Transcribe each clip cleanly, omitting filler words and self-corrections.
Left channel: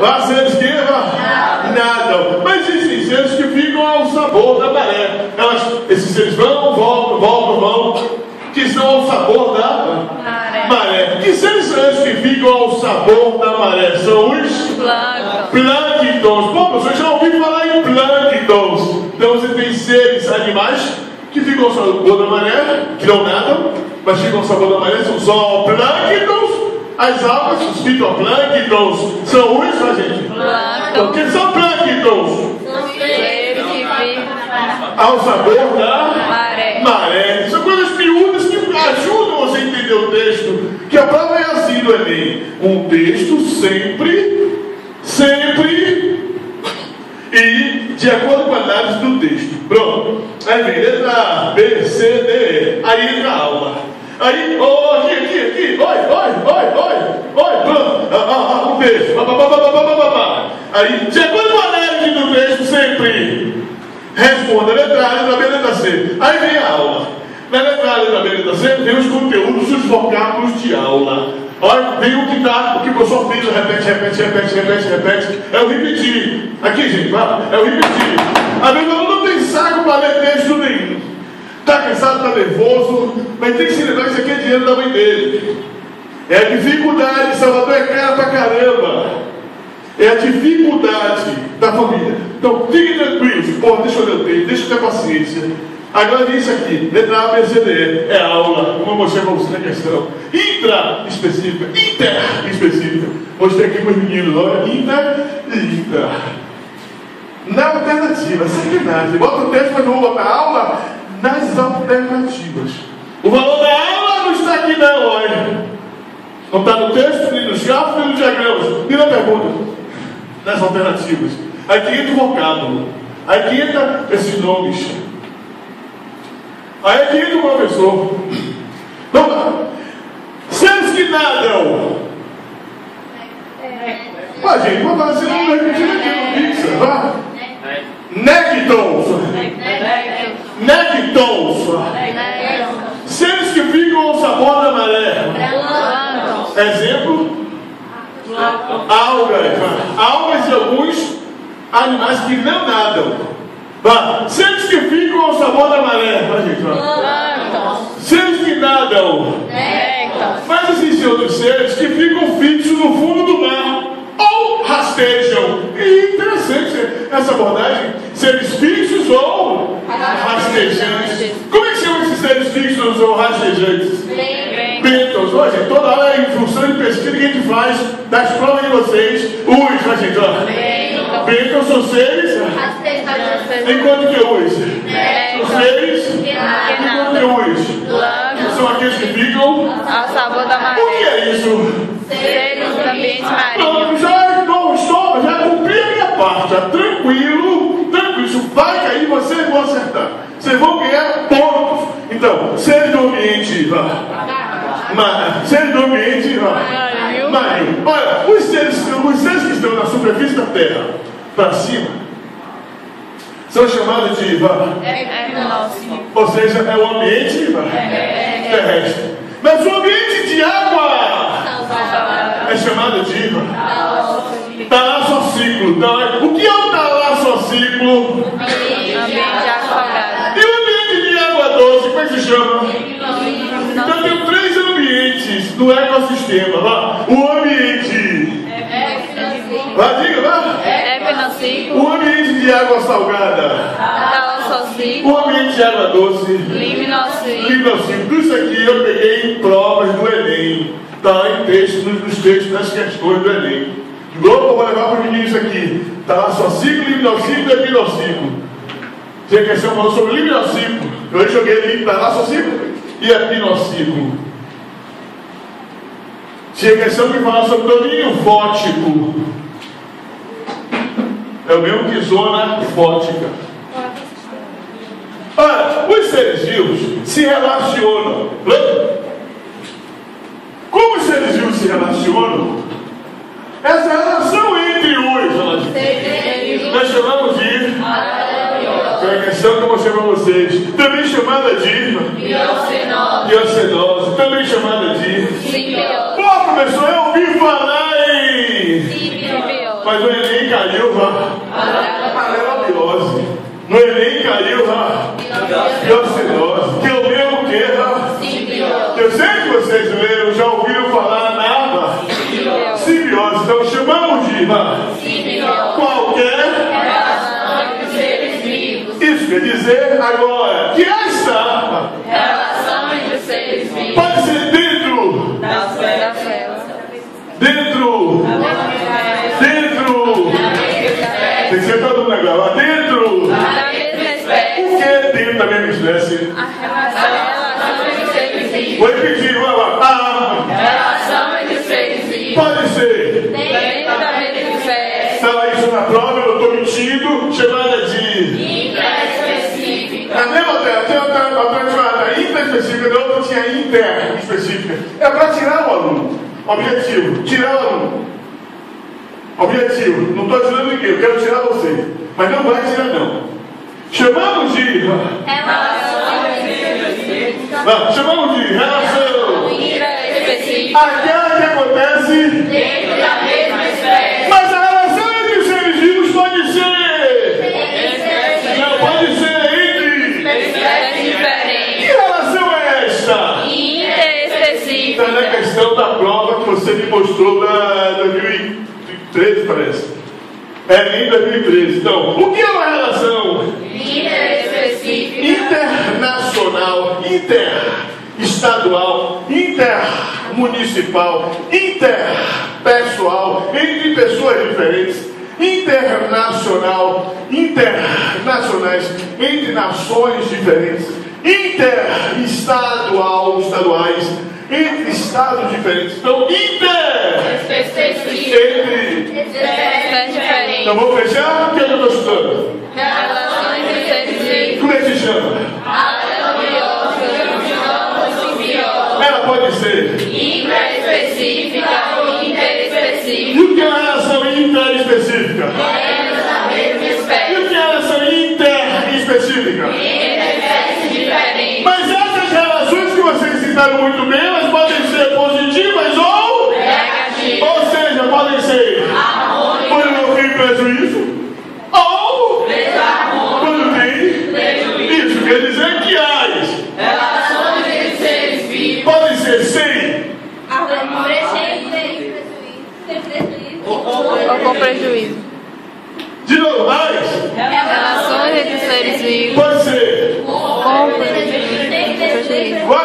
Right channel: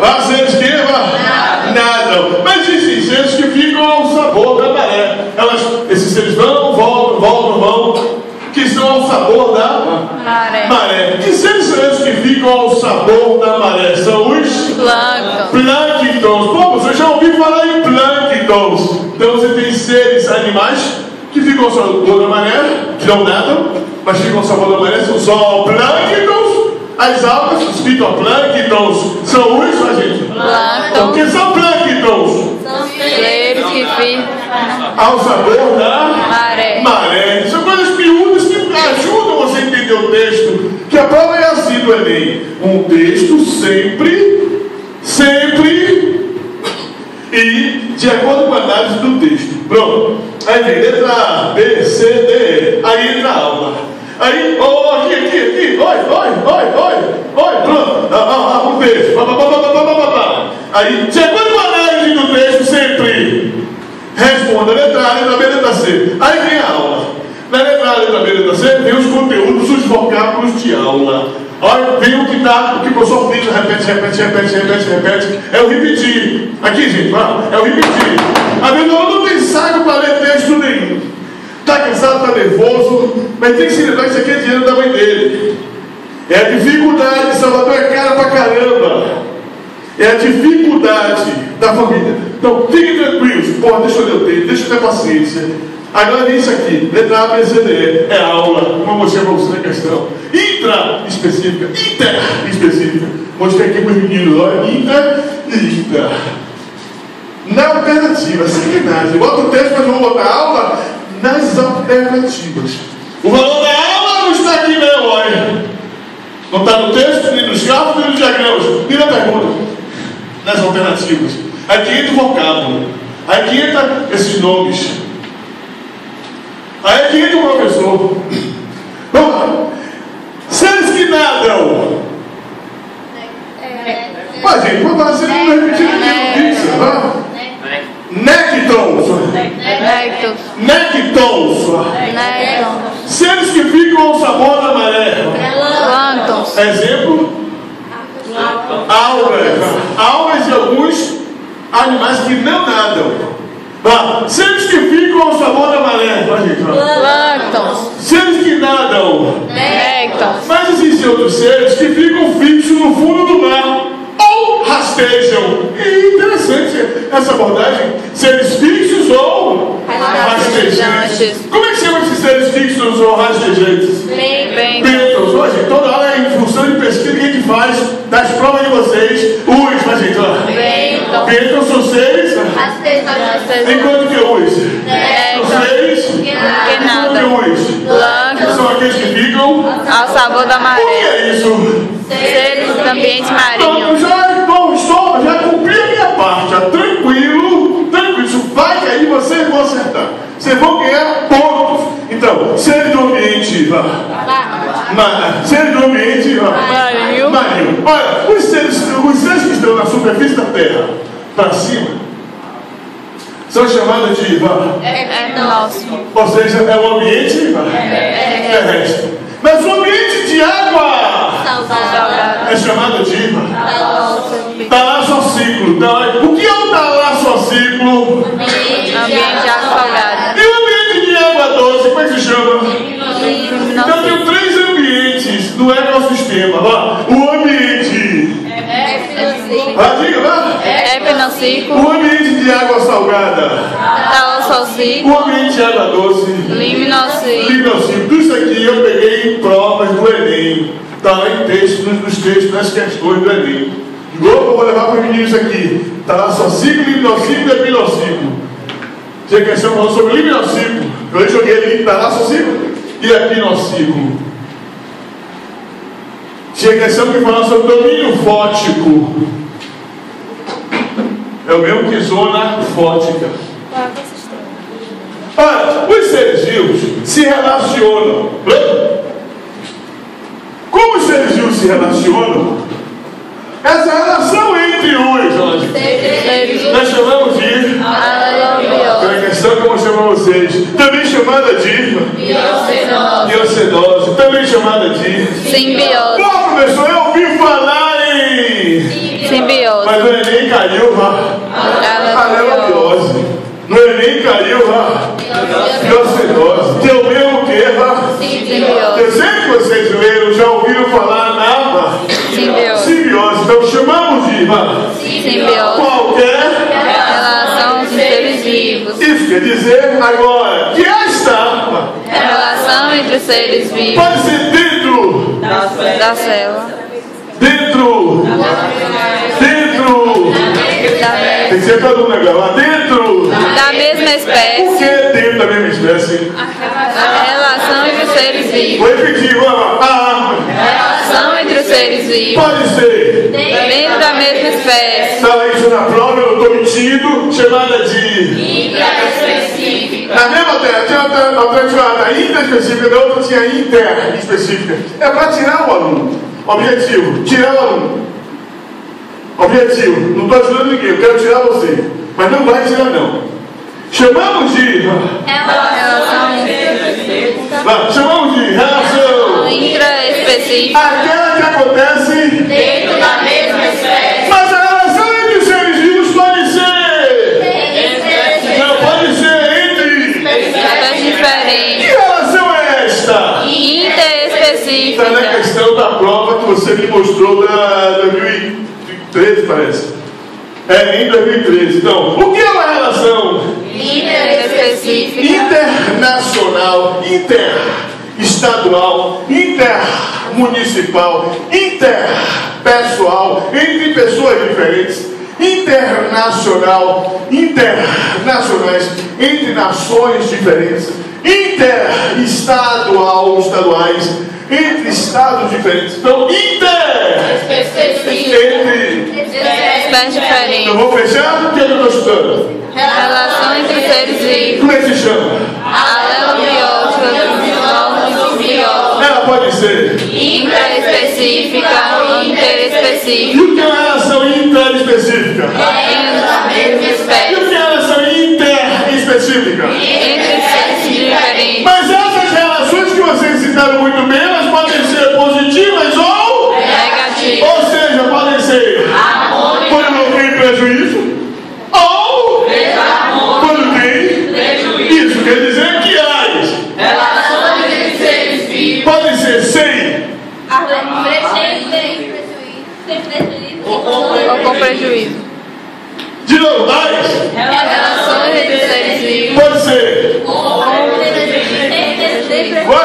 Lá seres que nadam. Mas existem seres que ficam ao sabor da maré. Esses seres vão, vão, que estão ao sabor da maré. Que seres são esses que ficam ao sabor da maré? São os plânctons. Pô, você já ouviu falar em plânctons? Então você tem seres, animais, que ficam ao sabor da maré, que não nadam, mas ficam ao sabor da maré, são os zooplânctons. As algas, os fitoplânctons, são os, gente? Então, o que são plânctons? São seres que ficam ao sabor da maré. São coisas miúdas que ajudam você a entender o texto. Que a prova é assim do Enem. Um texto sempre e de acordo com a análise do texto. Pronto. Aí vem letra A, B, C, D, E. Aí entra a aula. Aí, aqui, oi, pronto, um texto, aí, de acordo com a análise do texto, sempre responda a letra A, letra B, letra C. Aí vem a aula. Na letra A, letra B, letra C, vem os conteúdos, os vocábulos de aula. Olha, vem o que o professor Pires repete, é o repetir. Aqui, gente, é o repetir. Às vezes o aluno não tem saco para ler texto nenhum. Está cansado, está nervoso, mas tem que se lembrar que isso aqui é dinheiro da mãe dele. É a dificuldade, Salvador é cara pra caramba. É a dificuldade da família. Então, fiquem tranquilos. Pô, deixa eu ler o texto, deixa eu ter paciência. Agora vem isso aqui, letra A, B, C, D, E. É aula, como eu mostrei para você na questão. Inter específica. Mostrei aqui para os meninos, olha, inter. Na alternativa, sacanagem. Bota o texto, mas vamos botar aula nas alternativas. O valor da aula não está aqui não, olha. Não está no texto, nem nos gráficos, nem nos diagramas, nem na pergunta. Nas alternativas. Aqui entra o vocábulo. Aqui entra esses nomes. Aí aqui entra o professor. Vamos lá. Seres que nadam. Mas gente, vamos fazer um repetindo aqui no Pixar, vá. Nectons. Seres que ficam ao sabor da maré. Exemplo? Algas de alguns animais que não nadam. Seres que ficam ao sabor da maré. Seres que nadam. Mas existem outros seres que ficam fixos no fundo do mar ou rastejam. E interessante essa abordagem. Seres fixos ou rastejantes. Como é que chama esses seres fixos ou rastejantes? Bênçãos. Hoje, toda hora é em função de pesquisa que a gente faz das provas de vocês. Os, gente, olha. Bênçãos são seres. Enquanto que os são seres. Enquanto que os são aqueles que ficam ao sabor da maré. O que é isso? Seres do ambiente marinho. Já cumpri a minha parte. Tranquilo. Isso vai cair, vocês vão acertar. Vocês vão ganhar pontos. Então, seres do ambiente marinho. Olha, os seres que estão na superfície da Terra, para cima, são chamados de ou seja, é o ambiente terrestre. Mas o ambiente de água é chamado de talassociclo. Então, o que é o talassociclo? Ambiente de água salgada. E o ambiente de água doce, como é que se chama? Então tem 3 ambientes no ecossistema. O ambiente. O ambiente de água salgada. O ambiente de água doce. Liminociclo. Isso aqui eu peguei em provas do Enem. Está lá em texto, nos textos, nas questões do Enem. De novo, eu vou levar para os meninos aqui. Talassociclo, liminociclo e epinociclo. Tinha questão falando sobre liminociclo. Eu joguei ali talassociclo e epinociclo. Tinha questão que falava sobre domínio fótico. É o mesmo que zona fótica. Olha, os seres vivos se relacionam. Como os seres vivos se relacionam? Essa relação entre os nós chamamos de a questão que eu mostrei para vocês, também chamada de biocenose, também chamada de simbiose. Pô, professor, eu ouvi falar em simbiose. Mas no Enem caiu a lelobiose. No Enem caiu a biocinose. Que é o mesmo que eu sei que vocês leram, já ouviram falar na simbiose. Então chamamos de qualquer relação de seres vivos. Isso quer dizer agora que esta Relação entre os seres vivos. pode ser dentro Da célula. Dentro tem que ser todo mundo agora. Dentro Da mesma o espécie. que é dentro da mesma espécie? A relação entre os seres vivos. Vou repetir, vamos lá. A Relação entre os seres vivos. pode ser. Dentro da mesma espécie. Estava isso na prova, eu estou mentindo, chamada de na mesma alternativa, tinha uma intraespecífica, na outra tinha interespecífica. É para tirar o aluno. Objetivo, tirar o aluno. Objetivo, não estou ajudando ninguém, eu quero tirar você. Mas não vai tirar não. Chamamos de relação Intraespecífica. aquela que acontece Dentro da mesma espécie. mas a relação entre os seres vivos pode ser não, pode ser entre Espécies que diferentes. relação é esta? Interespecífica. Está na questão da prova que você me mostrou da 2013, parece. É, em 2013. Então, o que é uma relação Interespecífica. internacional, interestadual, intermunicipal, interpessoal, entre pessoas diferentes, internacional, internacionais, entre nações diferentes, interestadual, estaduais, entre estados diferentes. Então, Específica. entre. Espécies diferentes. Então, vamos fechar? O que é que eu estou estudando? Relação entre os seres vivos. Como é que se chama? Alelobiótica. Simbiótica. Ela pode ser. Intraespecífica. E Interespecífica. o que é uma relação interespecífica? Dentro da mesma E o espécie. que é uma relação interespecífica? Entre espécies diferentes. Mas essas relações que vocês citaram muito bem, elas podem ser positivas ou Negativas. seja, podem ser quando não tem prejuízo ou quando tem isso. Quer dizer que as Relações entre seres vivos. podem ser sem Ou com prejuízo. de normais, Relações entre os seres vivos. pode ser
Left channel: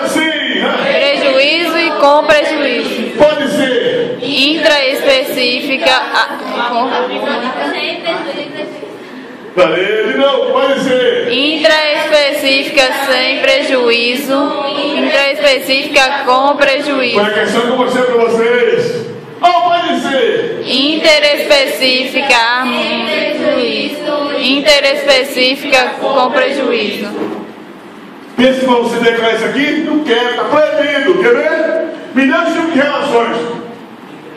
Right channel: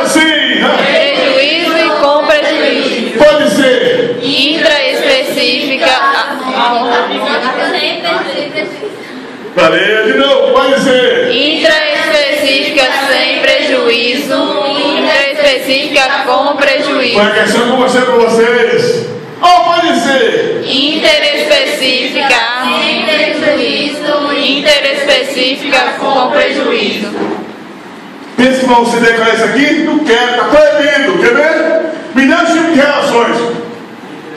assim, Prejuízo com prejuízo. pode ser Intraespecífica. valeu, de novo, pode ser Intraespecífica sem prejuízo. Intraespecífica com prejuízo. uma questão que eu mostrei para vocês. Ou pode ser Interespecífica sem prejuízo. Interespecífica com prejuízo. pensa que vão se declarar isso aqui? Não quero, está proibido, quer ver? Me dá esse tipo de relações.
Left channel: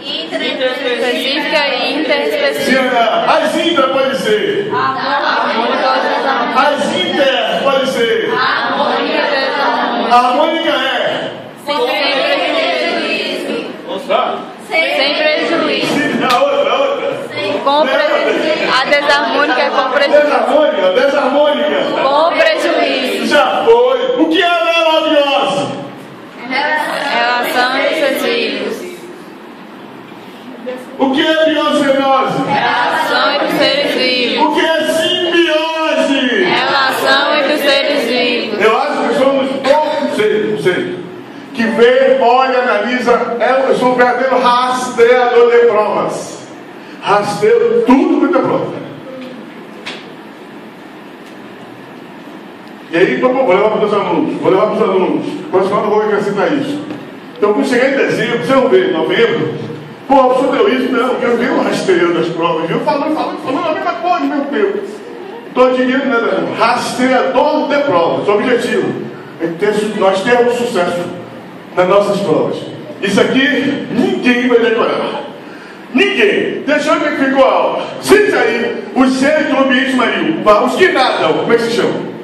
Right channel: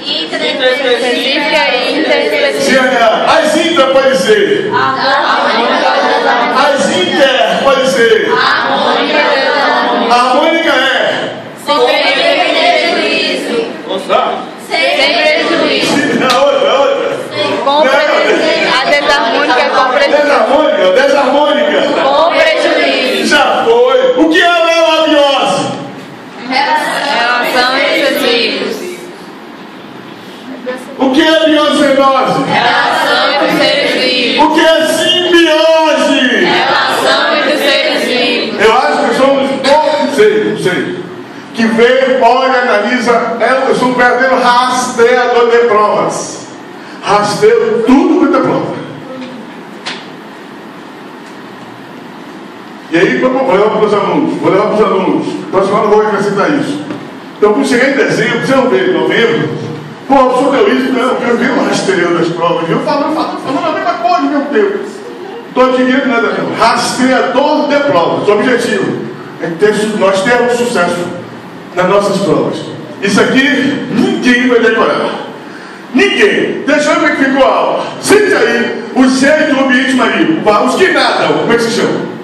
Intraespecífica e interespecífica. Se olhar, as intra pode ser, as inter pode ser, a harmônica é. Tá? Sem prejuízo. A outra. Com prejuízo. A desarmônica é com prejuízo. Desarmônica. Com prejuízo. Já foi. O que é a lelobiose? Relação entre seres vivos. O que é a biocenose? Relação entre os seres vivos. O que é simbiose? Relação entre os seres vivos. Eu acho que somos poucos, não sei, que vê, olha, analisa. Eu sou um verdadeiro rastreador de provas. Rastreio tudo quanto é prova. E aí, vou levar para os alunos. Próximo ano eu vou acrescentar isso. Então, quando chegar em dezembro, você não vê, novembro, pô, o senhor deu isso, não, eu vi um rastreio das provas. Eu falando a mesma coisa, meu Deus. Estou adquirindo nada, não. Rastreador de provas. O objetivo é que nós temos sucesso nas nossas provas. Isso aqui, ninguém vai decorar. Ninguém. Deixa eu ver que ficou a aula. Sente aí os seres do ambiente marinho. Os que nadam, como é que se chama?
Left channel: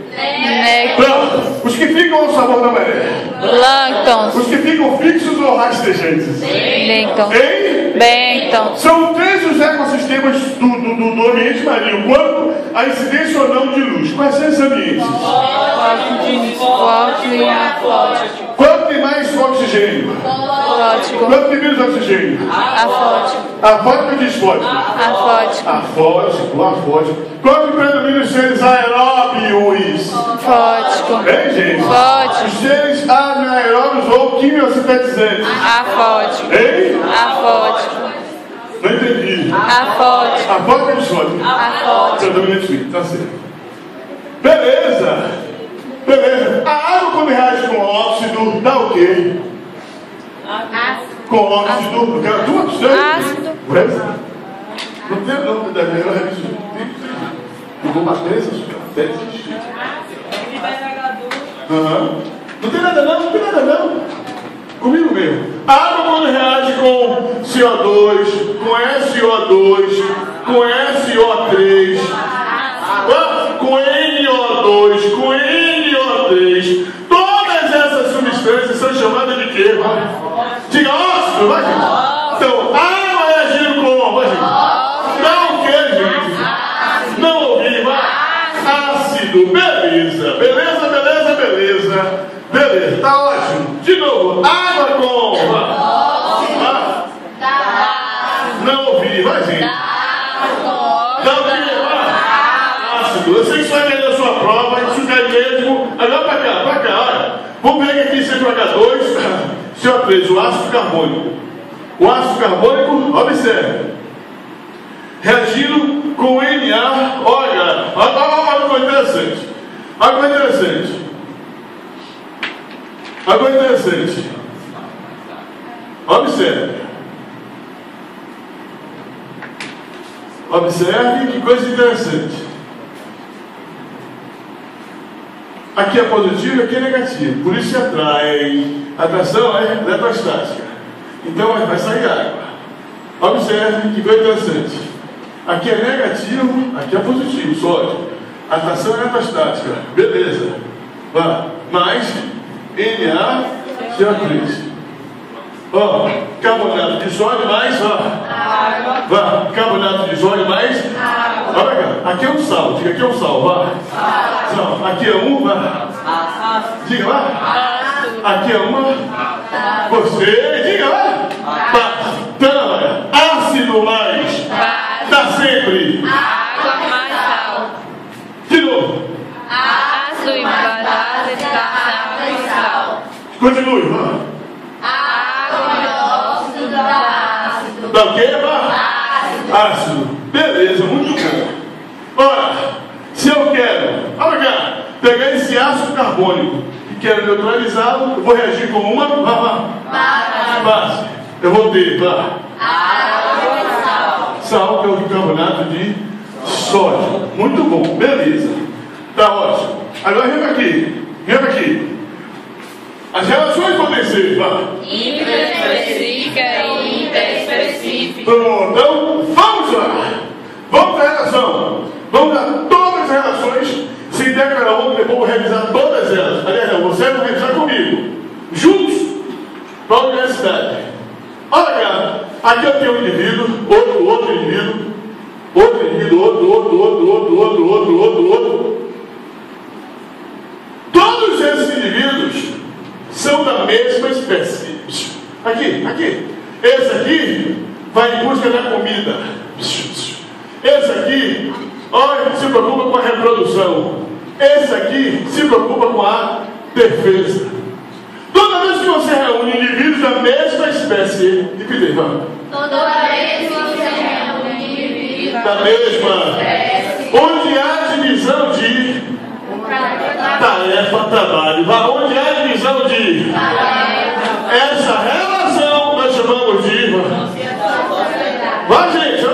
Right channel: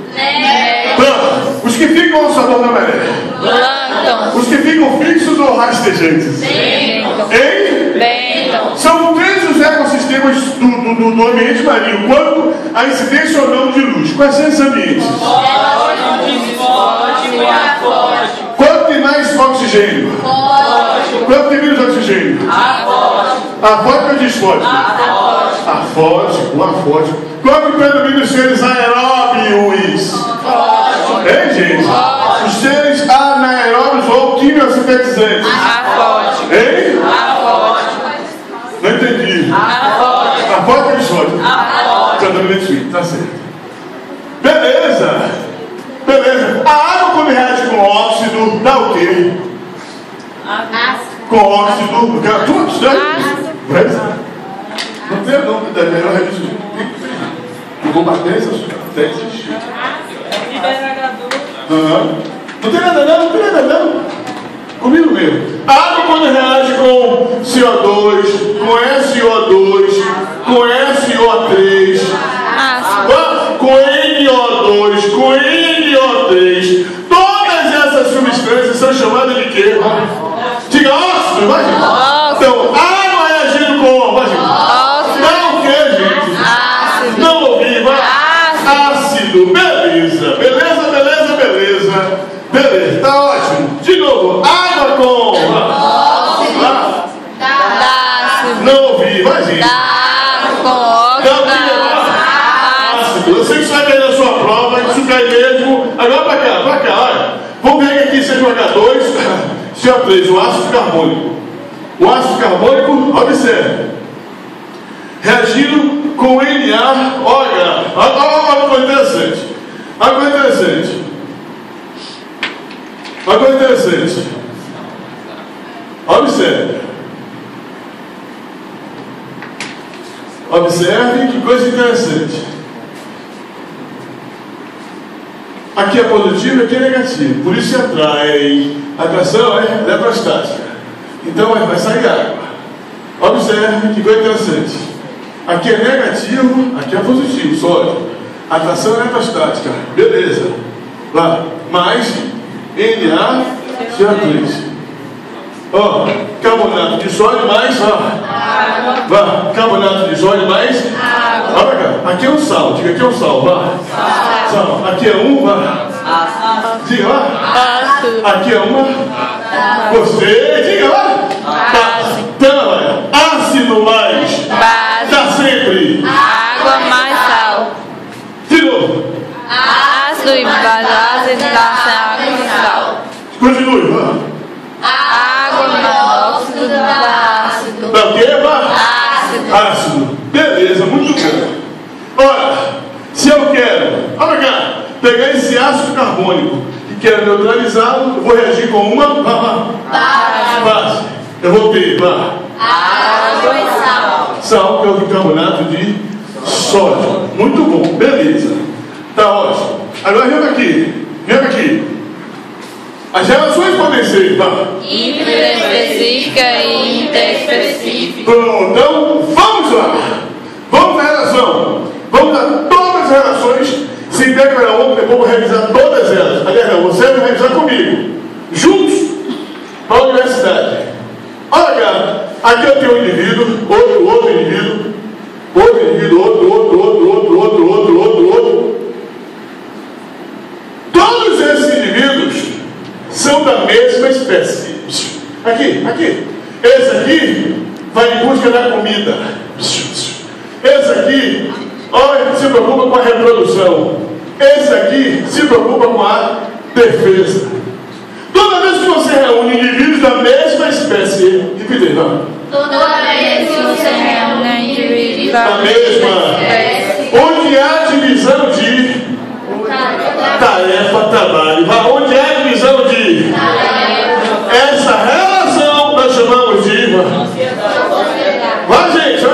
Pronto. Os que ficam ao sabor da maré. Plâncton. Os que ficam fixos ou rastejantes. Bênton. Hein? Bênton. São três os ecossistemas sistemas do ambiente marinho quanto à incidência ou não de luz. Quais são esses ambientes? Quanto tem mais oxigênio? Quanto tem menos oxigênio? Afótico ou disfótico? Afótico. Qual que predomina os seres aeróbios? Hein, gente? Os seres anaeróbios ou quimiosintetizantes? Hein? Não entendi. Afótico ou disfótico? Predominante, tá certo. Beleza. A água quando reage com óxido dá o quê? Com óxido. Não tem não, melhor revisão. Vou bater essas testes. Não tem nada não. Comigo mesmo. A água quando reage com CO2, com SO2, com SO3, com NO2, com NO3, todas essas substâncias são chamadas de quê? Diga óxido, vai gente. Então, água reagindo com, vai gente. Não o quê, gente? Não ouvi, vai. Ácido, beleza. Tá ótimo. De novo, água com não ouvi, vai gente. Ácido. Eu sei que isso vai cair na sua prova, isso cai mesmo. Agora pra cá, olha. Vamos ver aqui C2H2, CO3, o ácido carbônico. O ácido carbônico, observe. Reagindo com Na, olha coisa interessante. Observe que coisa interessante. Aqui é positivo, aqui é negativo. Por isso se atrai. Atração é eletrostática. Então vai sair água. Observe que coisa interessante. Aqui é negativo, aqui é positivo, sólido. Atração é eletrostática. Beleza. Lá. Mais NaCO3. Carbonato de sódio mais carbonato de sódio mais olha cá, aqui é um sal, diga aqui é um sal, sal, aqui é diga lá, aqui é uma, você, diga lá, olha, ácido mais, dá sempre, água mais sal, de novo, ácido e base dá água e sal, continue, dá o quê? Ácido. Beleza, muito bem. Olha, se eu quero, olha cá, pegar esse ácido carbônico e quero neutralizá-lo, eu vou reagir com uma base. Eu vou ter água e sal. Sal, que é o bicarbonato de sódio. Muito bom, beleza. Tá ótimo. Agora vem aqui. As relações podem ser intraespecífica e interespecífica. Pronto, então vamos lá. Vamos à relação. Vamos a todas as relações. Se integra uma, depois vou revisar todas elas. Aliás, não, você vai revisar comigo. Juntos para a universidade. Olha cá, aqui eu tenho um indivíduo, outro indivíduo, outro. Todos esses indivíduos são da mesma espécie. Aqui. Esse aqui vai em busca da comida. Esse aqui, olha, se preocupa com a reprodução. Esse aqui se preocupa com a defesa. Toda vez que você reúne indivíduos da mesma espécie, repita, toda vez que você reúne indivíduos da mesma espécie, onde há divisão de tarefa, trabalho, onde há divisão de essa relação nós chamamos de vai gente,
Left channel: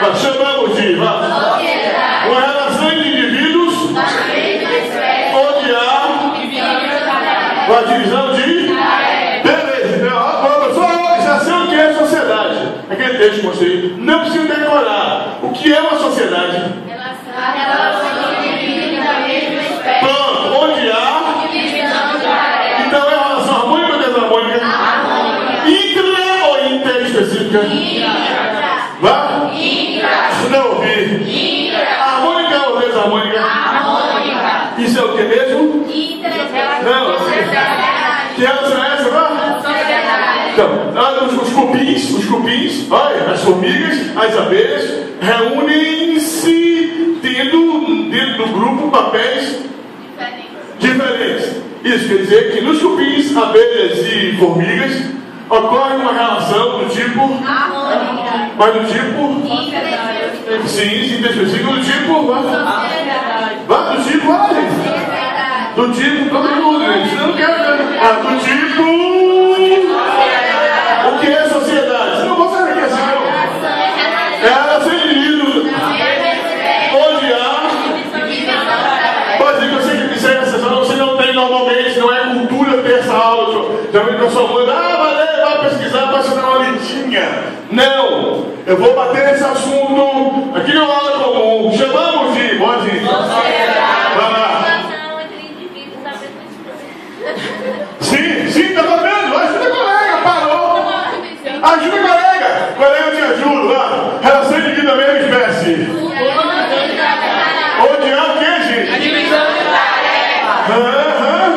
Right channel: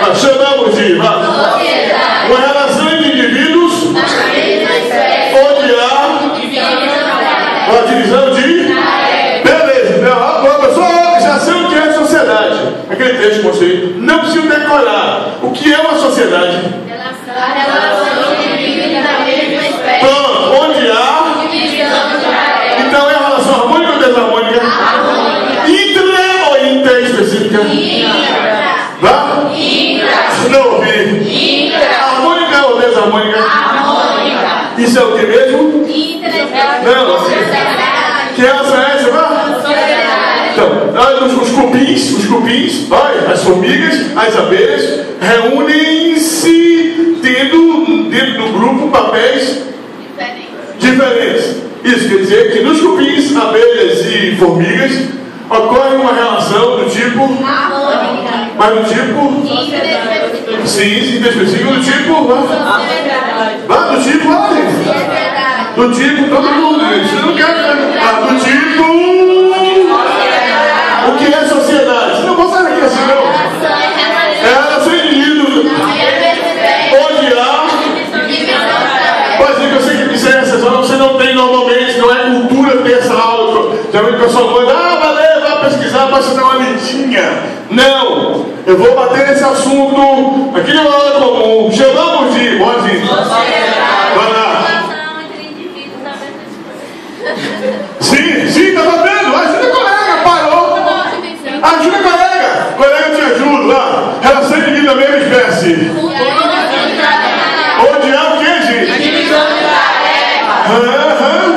nós chamamos de uma relação de indivíduos onde há uma divisão de beleza, professor, já sei o que é sociedade, aquele texto que mostrei, não preciso decorar o que é uma sociedade. Pronto, onde há então é a relação harmônica ou desarmônica? Intra ou interespecífica? Não ouvi. Harmônica ou desarmônica? Isso é o que mesmo? Não. Que relação é essa, não? Então, os cupins, olha, as formigas, as abelhas, reúnem-se tendo dentro do grupo papéis diferentes. Isso quer dizer que nos cupins, abelhas e formigas ocorre uma relação do tipo, mas do tipo, sim, inespecífico, do tipo, do tipo, todo mundo, gente, não quer, do tipo, o que é sociedade? Você não consegue ver assim, não. É a relação indivíduo, onde há, pode dizer que eu sei que isso é exceção, você não tem normalmente, não é cultura ter essa aula, também o pessoal manda, valeu, vai pesquisar para se dar uma lidinha. Não, eu vou bater nesse assunto aqui no ano comum, chamamos de, boazinho, vai lá. Sim, tá vendo? Ajuda a colega, parou. Ajuda a colega. Colega, eu te ajudo lá. Relação de vida da mesma espécie. Onde há o que, gente? Divisão de tarefa.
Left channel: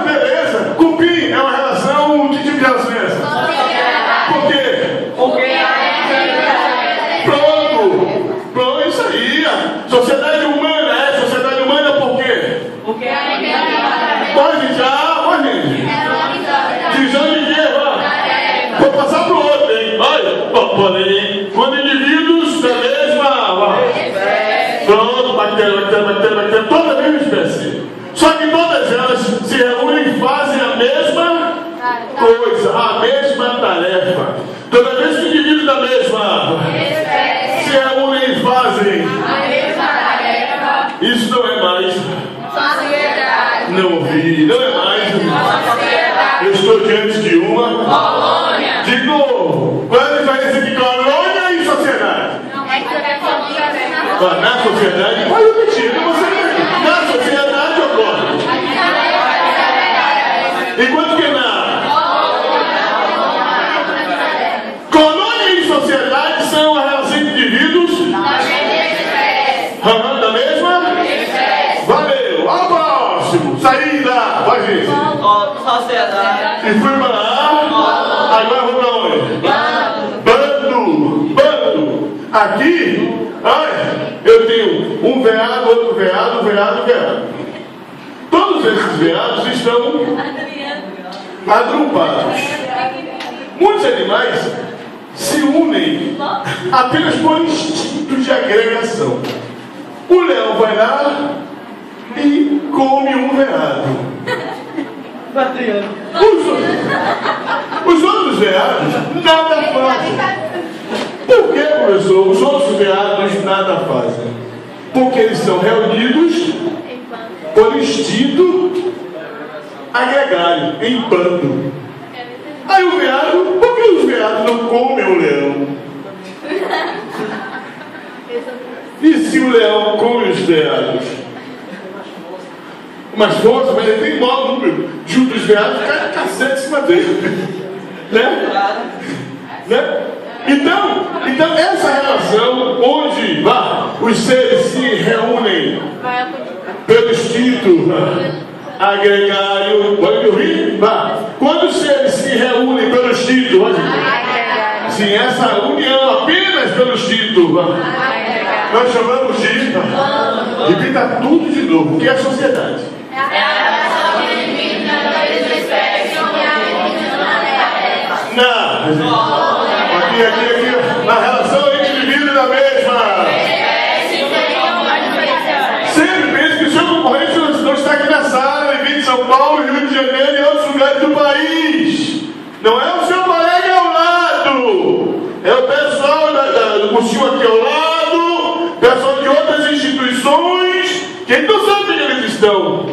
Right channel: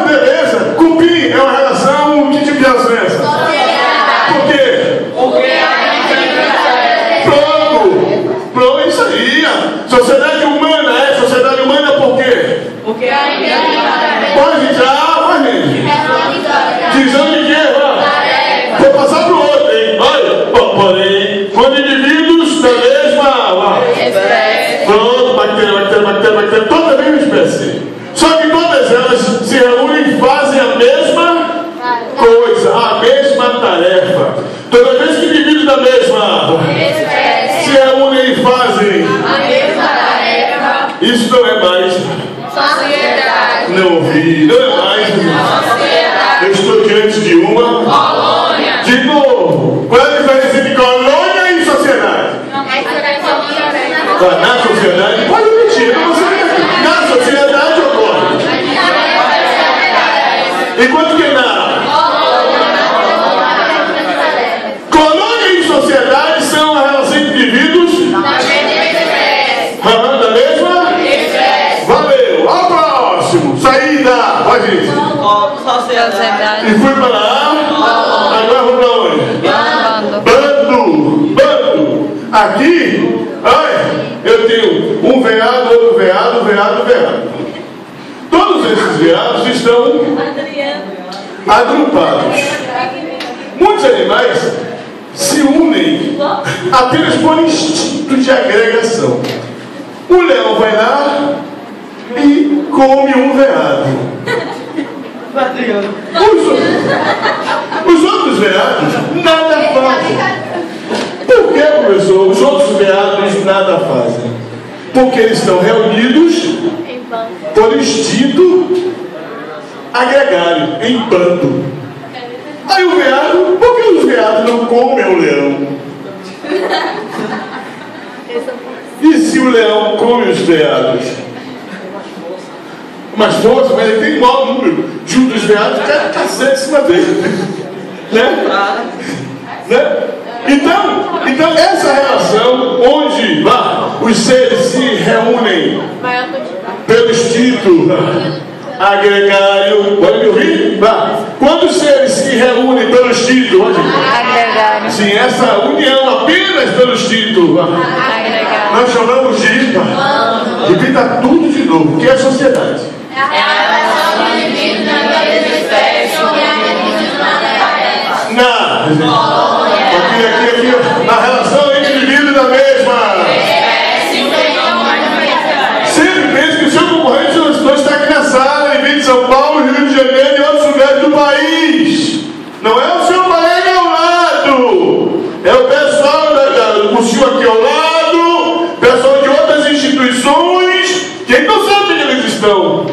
Beleza. Cupim é uma relação, que tipo de relação é essa? Por quê? Pronto, isso aí. Sociedade humana é sociedade humana por quê? Porque Pode já. Divisão de quê? Vou passar para o outro, hein? Porém, quando indivíduos da mesma. Pronto, bactéria, toda a mesma espécie. Só que todas elas se reúnem e fazem a mesma coisa, a mesma tarefa. Toda vez que indivíduos da mesma se reúnem e fazem a mesma tarefa, isso não é mais. Sociedade. Não ouvi, não é mais. Eu estou diante de uma colônia. De novo, qual é a diferença entre colônia e sociedade? Na sociedade, pode repetir, não sei. Na sociedade ocorre. Enquanto que na colônia e sociedade são a relação entre indivíduos da mesma. Valeu, ao próximo. Saída, vai gente. Sociedade. E fui para lá. Agora vou para onde? Bando. Aqui, olha, eu tenho um veado, outro veado. Todos esses veados estão agrupados. Muitos animais se unem apenas por instinto de agregação. O leão vai lá e come um veado. Os outros veados nada fazem. Por que, professor? Os outros veados nada fazem. Porque eles estão reunidos por instinto agregário, em bando. Aí o veado, por que os veados não comem o leão? E se o leão come os veados? Mais forte, mas ele tem maior número. Junto os veados, cai cacete em cima dele. Né? Então, essa relação onde os seres se reúnem pelo instinto agregário, pode me ouvir? Quando os seres se reúnem pelo instinto, Agregário. sim, essa união apenas pelo instinto, nós chamamos de repita tudo de novo, o que é a sociedade? Aqui, na relação entre indivíduos da mesma. Sempre penso que o seu concorrente não está aqui na sala, em de São Paulo, Rio de Janeiro e outros lugares do país. Não é o seu colega ao lado, é o pessoal do cursinho aqui ao lado, pessoal de outras instituições, que não sabe onde eles estão.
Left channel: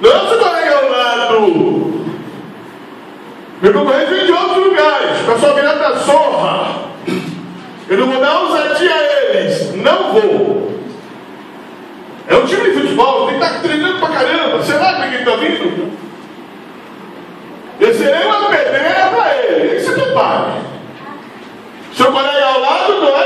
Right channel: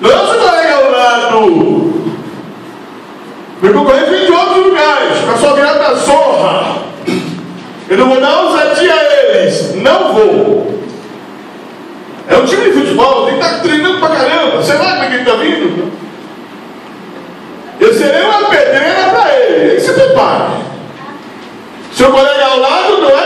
Não é o seu colega ao lado. Meu concorrente vem de outros lugares, pessoal virado da zorra. Eu não vou dar ousadia a eles, não vou. É um time de futebol, tem que estar treinando pra caramba. Será que ele está vindo? Eu serei uma pedreira para ele, ele que se prepare. Seu colega ao lado não é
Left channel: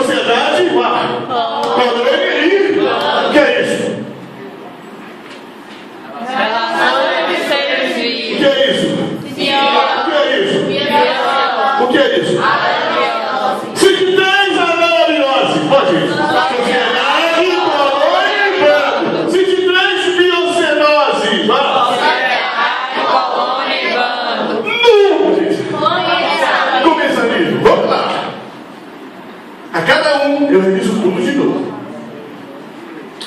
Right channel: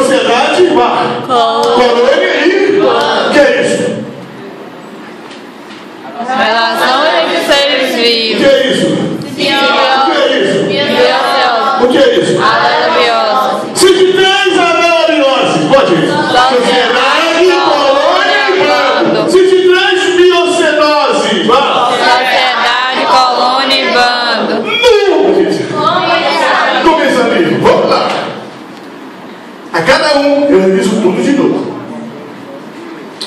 Sociedade, colônia e... O que é isso? Relação entre seres O que vivos. é isso? O que é isso? O que é isso? Maravilhosa. Cite três anabiose. Pode ir. Sociedade, colônia e bando. Cite três biocenose. Vá. Sociedade, colônia e bando. Começando ali. Vamos lá. A cada um eu reviso tudo de novo.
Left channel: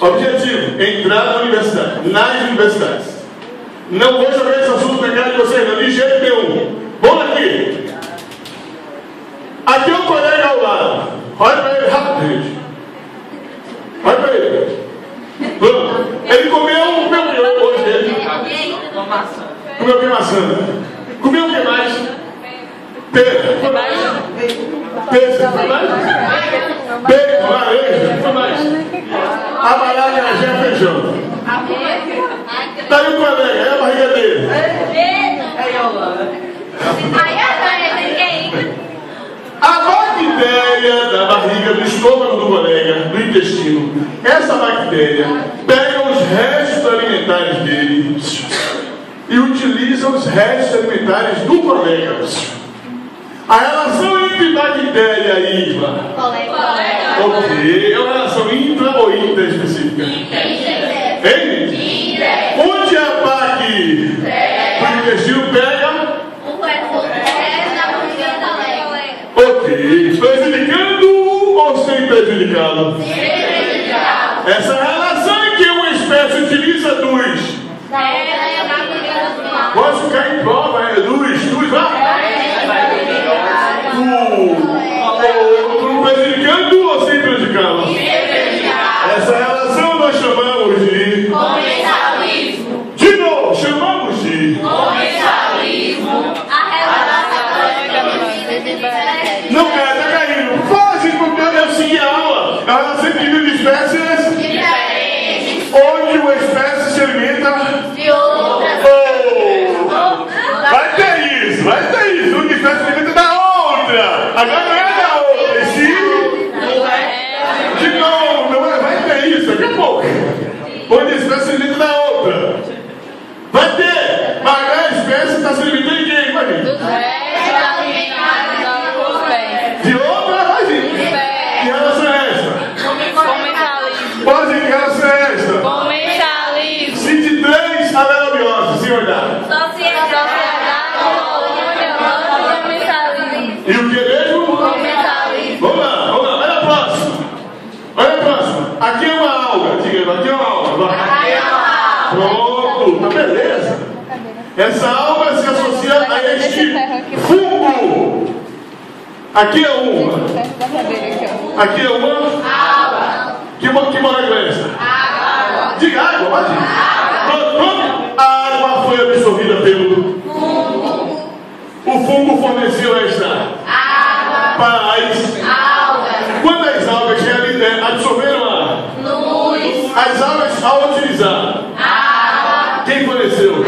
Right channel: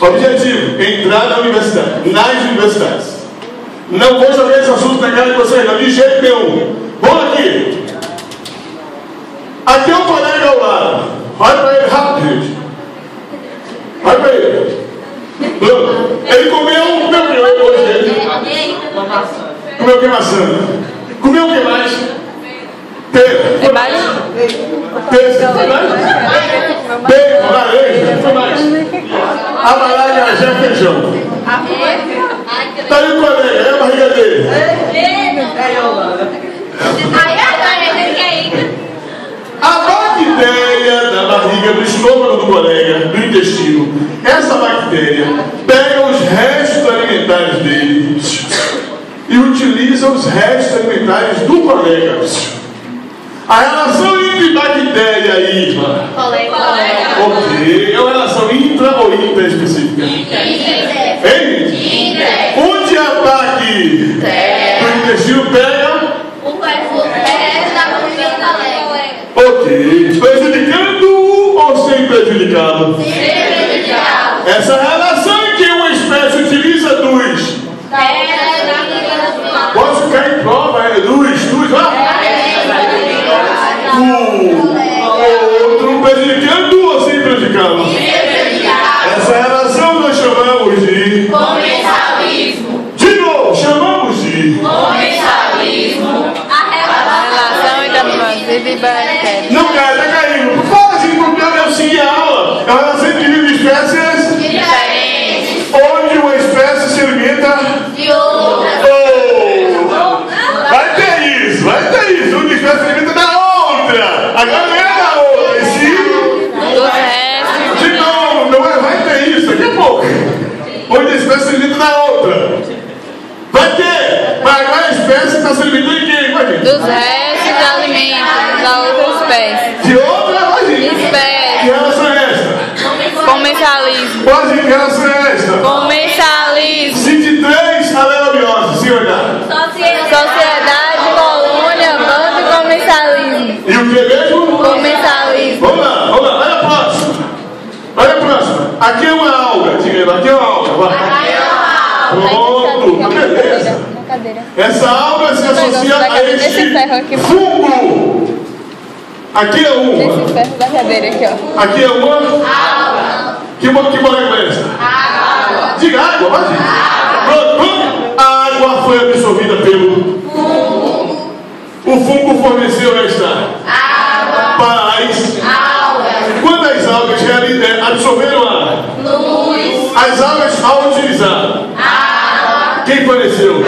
Objetivo: entrar na universidade, nas universidades. Não vou jogar esse assunto na cara de vocês, não, de jeito nenhum. Vamos aqui. Aqui é um colega ao lado. Olha para ele rápido, gente. Olha para ele. Bruno, ele comeu o que hoje? Ele comeu o que? Maçã. Comeu o que mais? Pera. Tem mais? Peixe. Foi mais? Bacon, laranja. Foi mais? Amaragajé, feijão. Tá aí o colega, é a barriga dele. A bactéria da barriga, do estômago do colega, do intestino, essa bactéria pega os restos alimentares dele e utiliza os restos alimentares do colega. A relação entre bactéria e IVA. Ok. É uma relação intra ou intraespecífica? Hein? Onde a bactéria do intestino pega? Ok. Prejudicando ou sem prejudicá-lo? Essa relação em que uma espécie utiliza dos. Posso ficar em prova, dos, vá? O outro prejudicando ou sem prejudicá-lo? Essa relação nós chamamos de Comensalismo. De novo, chamamos de Comensalismo. Relação entre animais e bactérias. Não cai, tá caindo. Fala assim porque eu segui a aula. É uma relação entre vivos e espécies Diferentes. onde uma espécie se alimenta. De outras. Vai ter isso. Uma espécie se alimenta da outra. Agora não é da outra, e sim. Dos restos. De novo, não é, vai ter isso daqui a pouco. Onde a espécie se alimenta da outra. Vai ter, mas agora a espécie está se alimentando de quem? Vai, gente? Dos restos de alimentos da outra espécie. De outra, vai, gente. Que Espécie. relação é esta? Comensalismo. Pode dizer que relação é esta? Comensalismo. Cite três alelobioses, senhor Dado. Sociedade, colônia, bando e comensalismo. E o que mesmo? Comensalismo. Vamos lá, olha a próxima. Olha a próxima. Aqui é uma alga, diga aí, aqui é uma alga, vai. Pronto, beleza. Essa alga se associa a este fungo. Aqui é uma. Aqui é uma. Que molécula é essa? Diga água, vai. Pronto. A água foi absorvida pelo fungo. O fungo forneceu esta para as. Quantas algas absorveram a luz? As algas, ao utilizar, quem forneceu?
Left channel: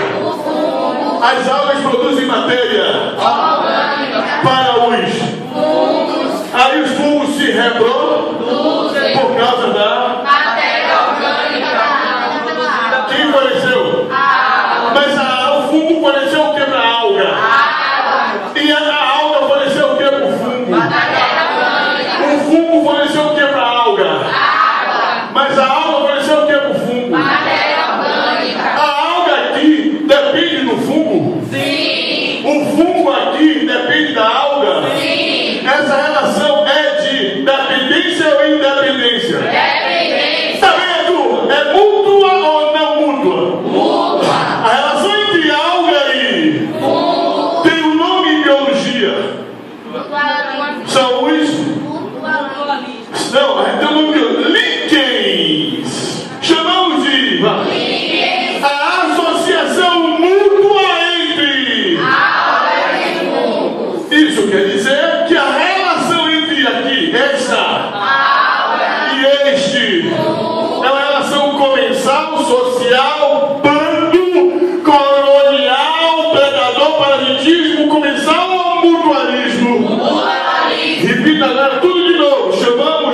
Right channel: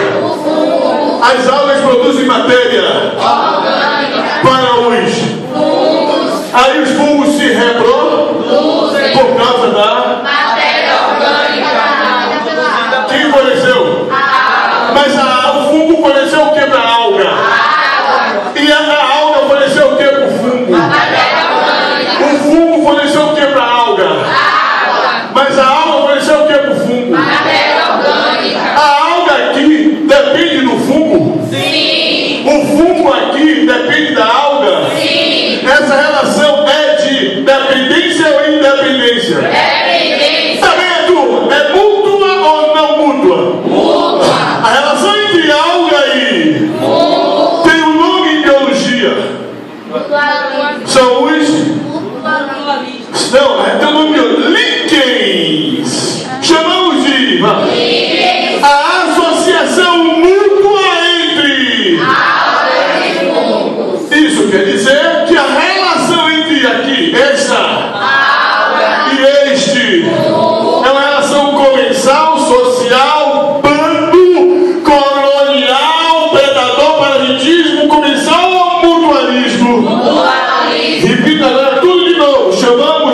As algas produzem matéria para os fungos. Aí os fungos se reproduzem por causa da matéria orgânica. Quem forneceu? Mas o fungo forneceu o que para a alga? E a alga forneceu o que para o fungo? O fungo forneceu o que para a alga? Mas a alga forneceu o que para o fungo? A alga aqui depende do fungo? Sim. O fungo aqui depende da alga? Sim. Essa relação é de dependência ou independência? Dependência. Tá vendo, turma? É mútua ou não mútua? Mútua. A relação entre alga e fungo tem um nome em biologia. São os... Não, tem um nome de líquens. Chamamos de... A associação mútua entre... Isso quer dizer que a relação entre aqui, esta e este, é uma relação comensal, social, bando, colonial, predador, parasitismo, comensal ou mutualismo? Repita agora tudo de novo. Chamamos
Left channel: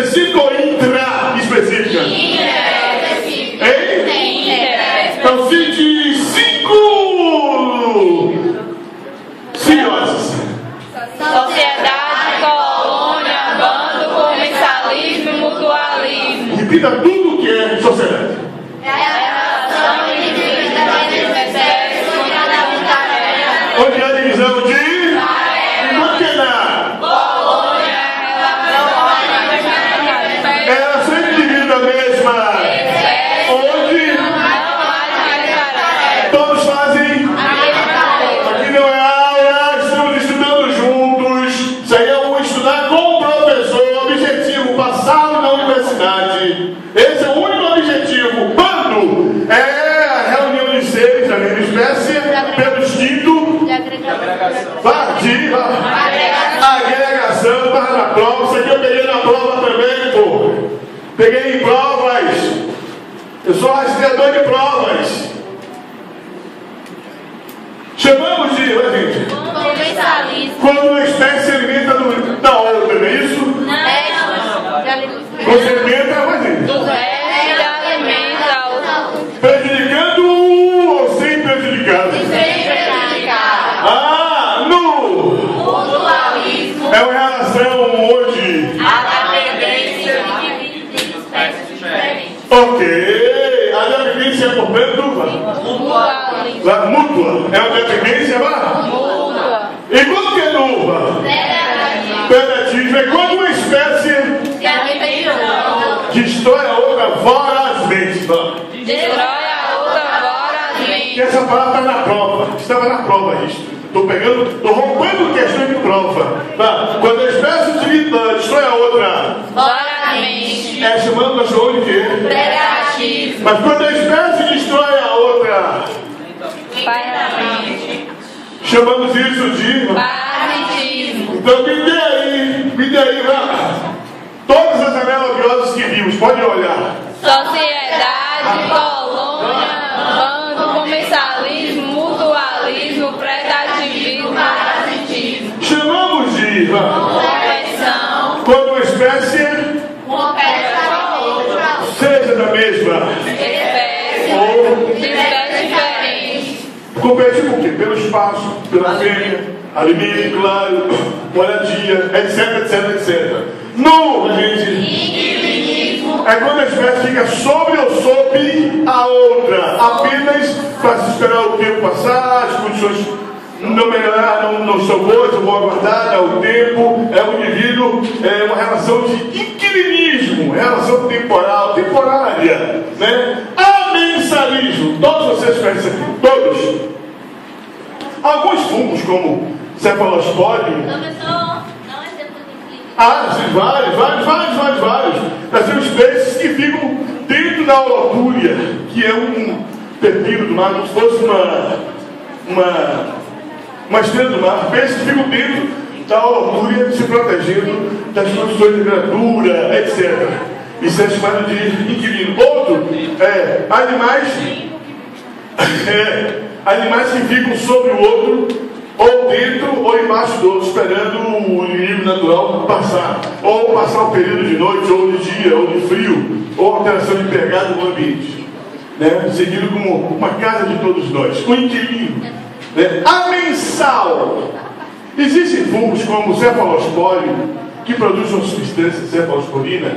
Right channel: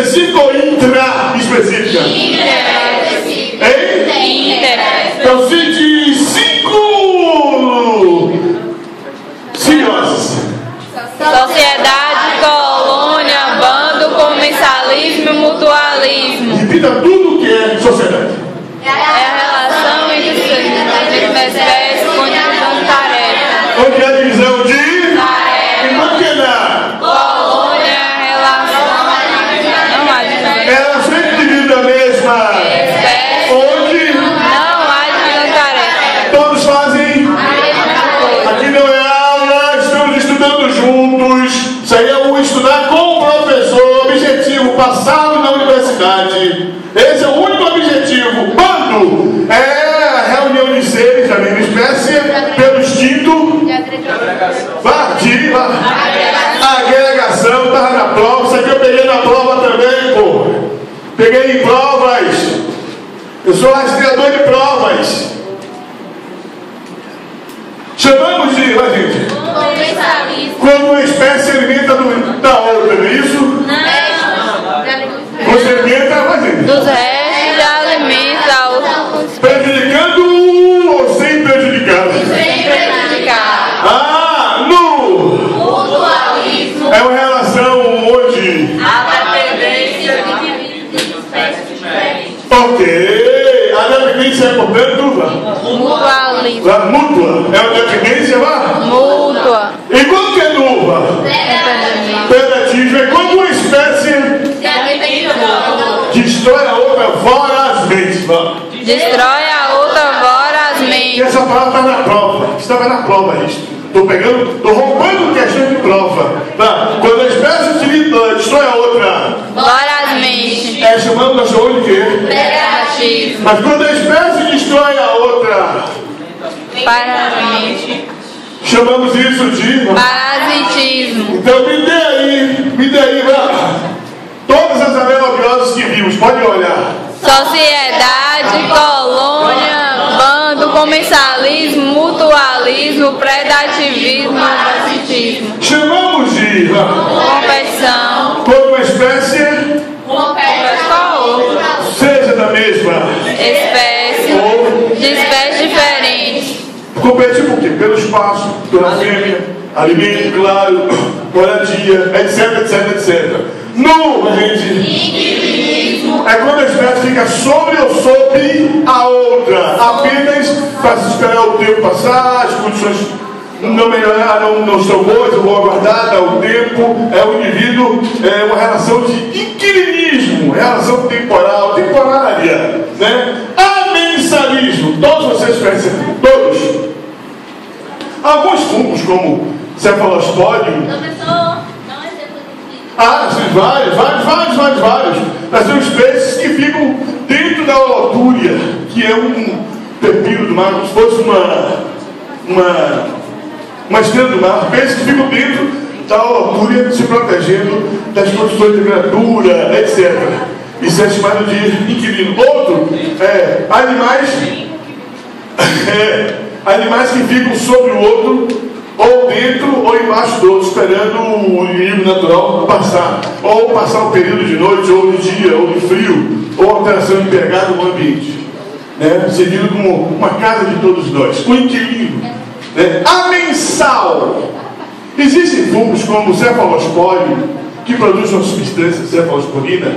Específica ou intra-específica? Intra-específica. Hein? Intra-específica. Então cite 5 simbioses. Sociedade, colônia, bando, comensalismo, mutualismo. Repita tudo o que é sociedade. É a relação entre espécies com tarefa. Onde é a divisão de? E por que não? Colônia, relação. Ela sempre divide da mesma. Espécie. Onde Não há de tarefa. todos fazem. Aqui não é aula, estamos estudando juntos. Isso aí é um estudar com o professor. Objetivo, passá-lo na universidade. Esse é o único objetivo. Quando é a reunião de seres da mesma espécie, pelo instinto. Agregação, estava na prova. Isso aqui eu peguei na prova também, pô. Peguei em provas. Eu sou rastreador de provas. Chamamos de, vai gente, Comensalismo. quando uma espécie alimenta da outra, não é isso? Você alimenta, vai gente, Dos restos de alimento a outros prejudicando ou sem prejudicar? Sem prejudicar. Ah, no! Mutualismo. É uma relação onde? A dependência de espécies diferentes. Ok, a dependência é, portanto, mutualismo. a mútua. É uma dependência, vá? Mútua. E quando que é nuva? Predatismo é quando uma espécie destrói a outra vorazmente, vá. Destrói a outra E vorazmente. essa palavra está na prova. Estava na prova isto. Estou roubando questão de prova. Tá? Quando a espécie destrói a outra, Vorazmente. chamando o cachorro de quê? Negativo. Mas quando a espécie destrói a outra, Parasite. chamamos isso de. Parasitismo. Então me dê aí, vá. Todas as analogiosas que vimos, pode olhar. Sociedade, colônia, bando, comensalismo, mutualismo, predativismo, parasitismo. Chamamos de. Conversão. Quando uma espécie seja da mesma. Espécie. De espécies diferentes. Competir por quê? Pelo espaço, pela fêmea, alimento, claro, moradia, etc. Não, gente. É quando a espécie fica sobre ou sob a outra, apenas para se esperar o tempo passar, as condições não melhoraram, não estão boas, eu vou aguardar, dá o tempo, é o indivíduo, é uma relação de inquilinismo, relação temporária, né? Amensalismo, todos vocês percebem, todos. Alguns fungos, como Cephalosporium, sim, vários. Mas são espécies que ficam dentro da holotúria, que é um pepino do mar, como se fosse uma estrela do mar. Peixes que ficam dentro da holotúria, se protegendo das condições de temperatura, etc. Isso é chamado de inquilino. Outro é animais que ficam sobre o outro, ou dentro ou embaixo do outro, esperando o inimigo natural passar, ou passar um período de noite, ou de dia, ou de frio, ou alteração de pegada no ambiente, né? Seguido como uma casa de todos nós, o inquilino, né? Amensal. Existem fungos como o Cephalosporium, que produz uma substância cefalosporina,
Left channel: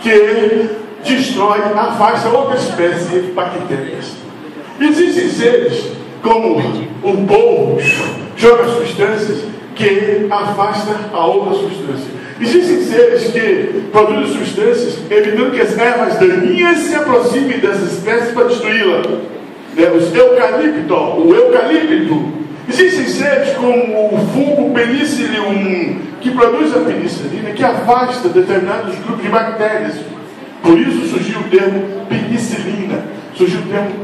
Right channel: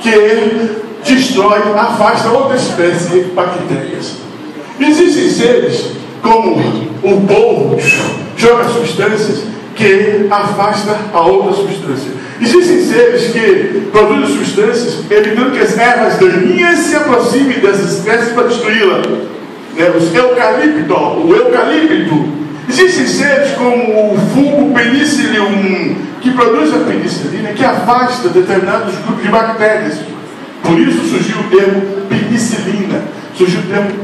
que destrói, afasta outra espécie de bactérias. Existem seres como o polvo, joga substâncias que afasta a outra substância. Existem seres que produzem substâncias evitando que as ervas daninhas se aproximem dessas espécies para destruí-la. O eucalipto. Existem seres como o fungo Penicillium, que produz a penicilina, que afasta determinados grupos de bactérias. Por isso surgiu o termo penicilina, surgiu o termo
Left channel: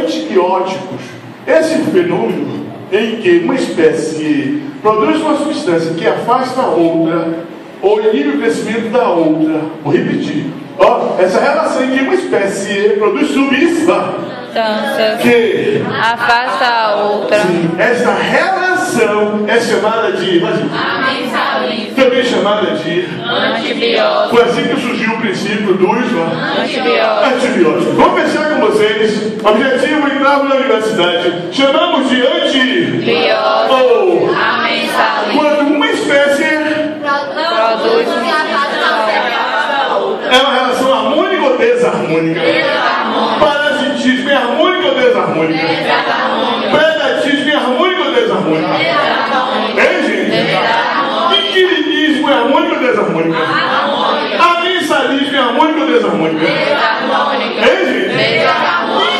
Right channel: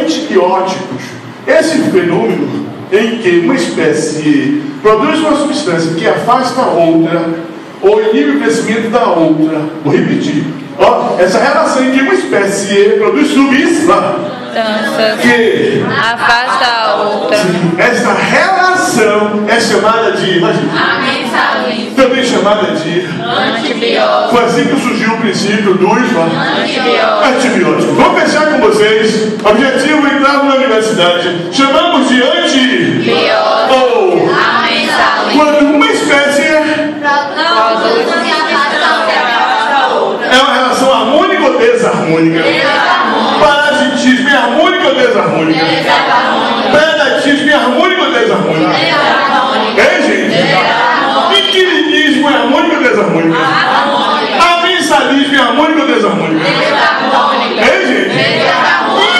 antibióticos. Esse fenômeno em que uma espécie produz uma substância que afasta a outra, ou inibe o crescimento da outra, vou repetir, essa relação em que uma espécie produz substância que afasta a outra. Sim, essa relação é chamada de Amensalismo. também chamada de Antibiótico. Foi assim que surgiu o princípio dos Antibiótico. Vou fechar com vocês. Objetivo: entrar na universidade. Chamamos de antibiótico. Ou quando uma espécie é uma relação harmônica ou desarmônica? Parasitismo é harmônico ou desarmônica? Predatismo é harmônico ou desarmônica? É, gente? Inquilinismo é harmônico ou desarmônico? Amensalismo é harmônico ou desarmônico? É, gente?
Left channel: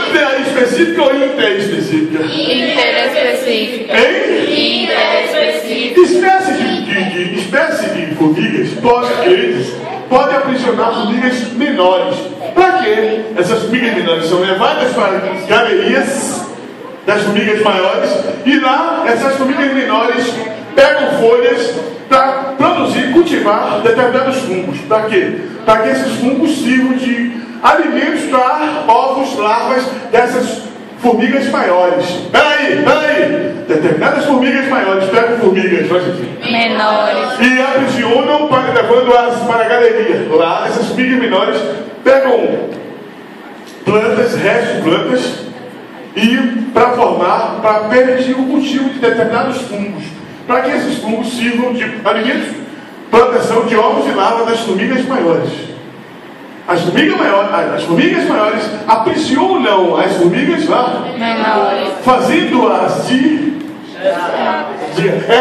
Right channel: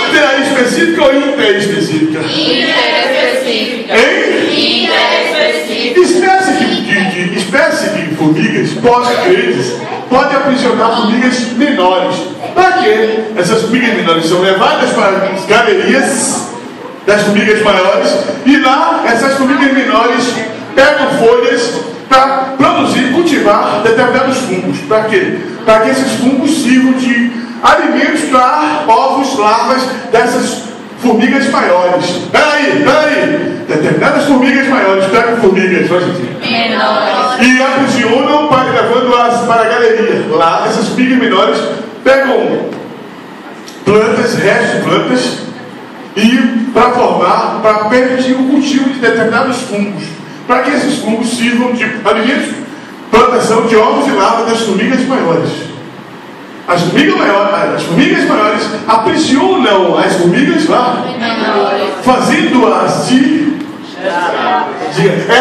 Interespecífica ou interespecífica? Interespecífica. Hein? Espécie de formigas pode aprisionar formigas menores. Para quê? Essas formigas menores são levadas para as galerias das formigas maiores e lá essas formigas menores pegam folhas para produzir, cultivar determinados fungos. Para quê? Para que esses fungos sirvam de alimentos para ovos, larvas dessas formigas maiores. Peraí. Determinadas formigas maiores pegam formigas Menores. e aprisionam, levando-as para a galeria. Lá, essas formigas menores pegam plantas, restos de plantas, e para permitir o cultivo de determinados fungos, para que esses fungos sirvam de alimentos, plantação de ovos e larvas das formigas maiores. As formigas maiores aprisionam as formigas Menores. fazendo-as de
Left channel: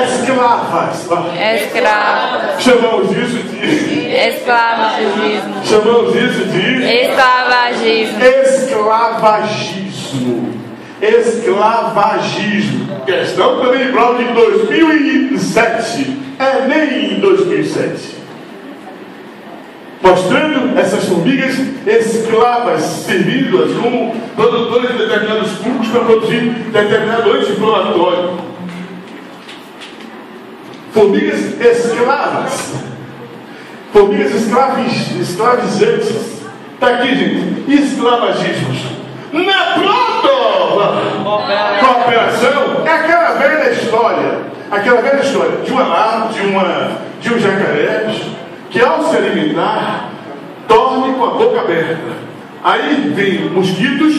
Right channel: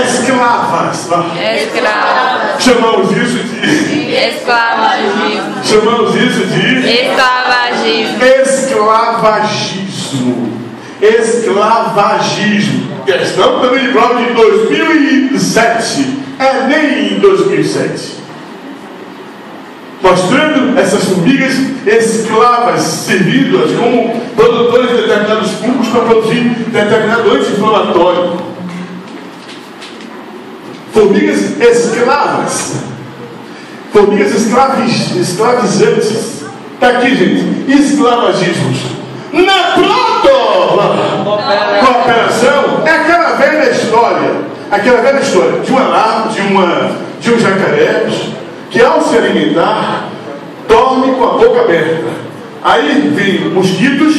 escravas. Escravas. Chamamos isso de escravagismo. Questão também de prova de 2007. Nem em 2007. Mostrando essas formigas escravas, servindo-as como produtores de determinados fungos para produzir determinado anti-inflamatório. Formigas escravas. Formigas escravizantes. Está aqui, gente. Escravagismos. Na proto-cooperação é aquela velha história de um jacaré que ao se alimentar dorme com a boca aberta. Aí vem mosquitos,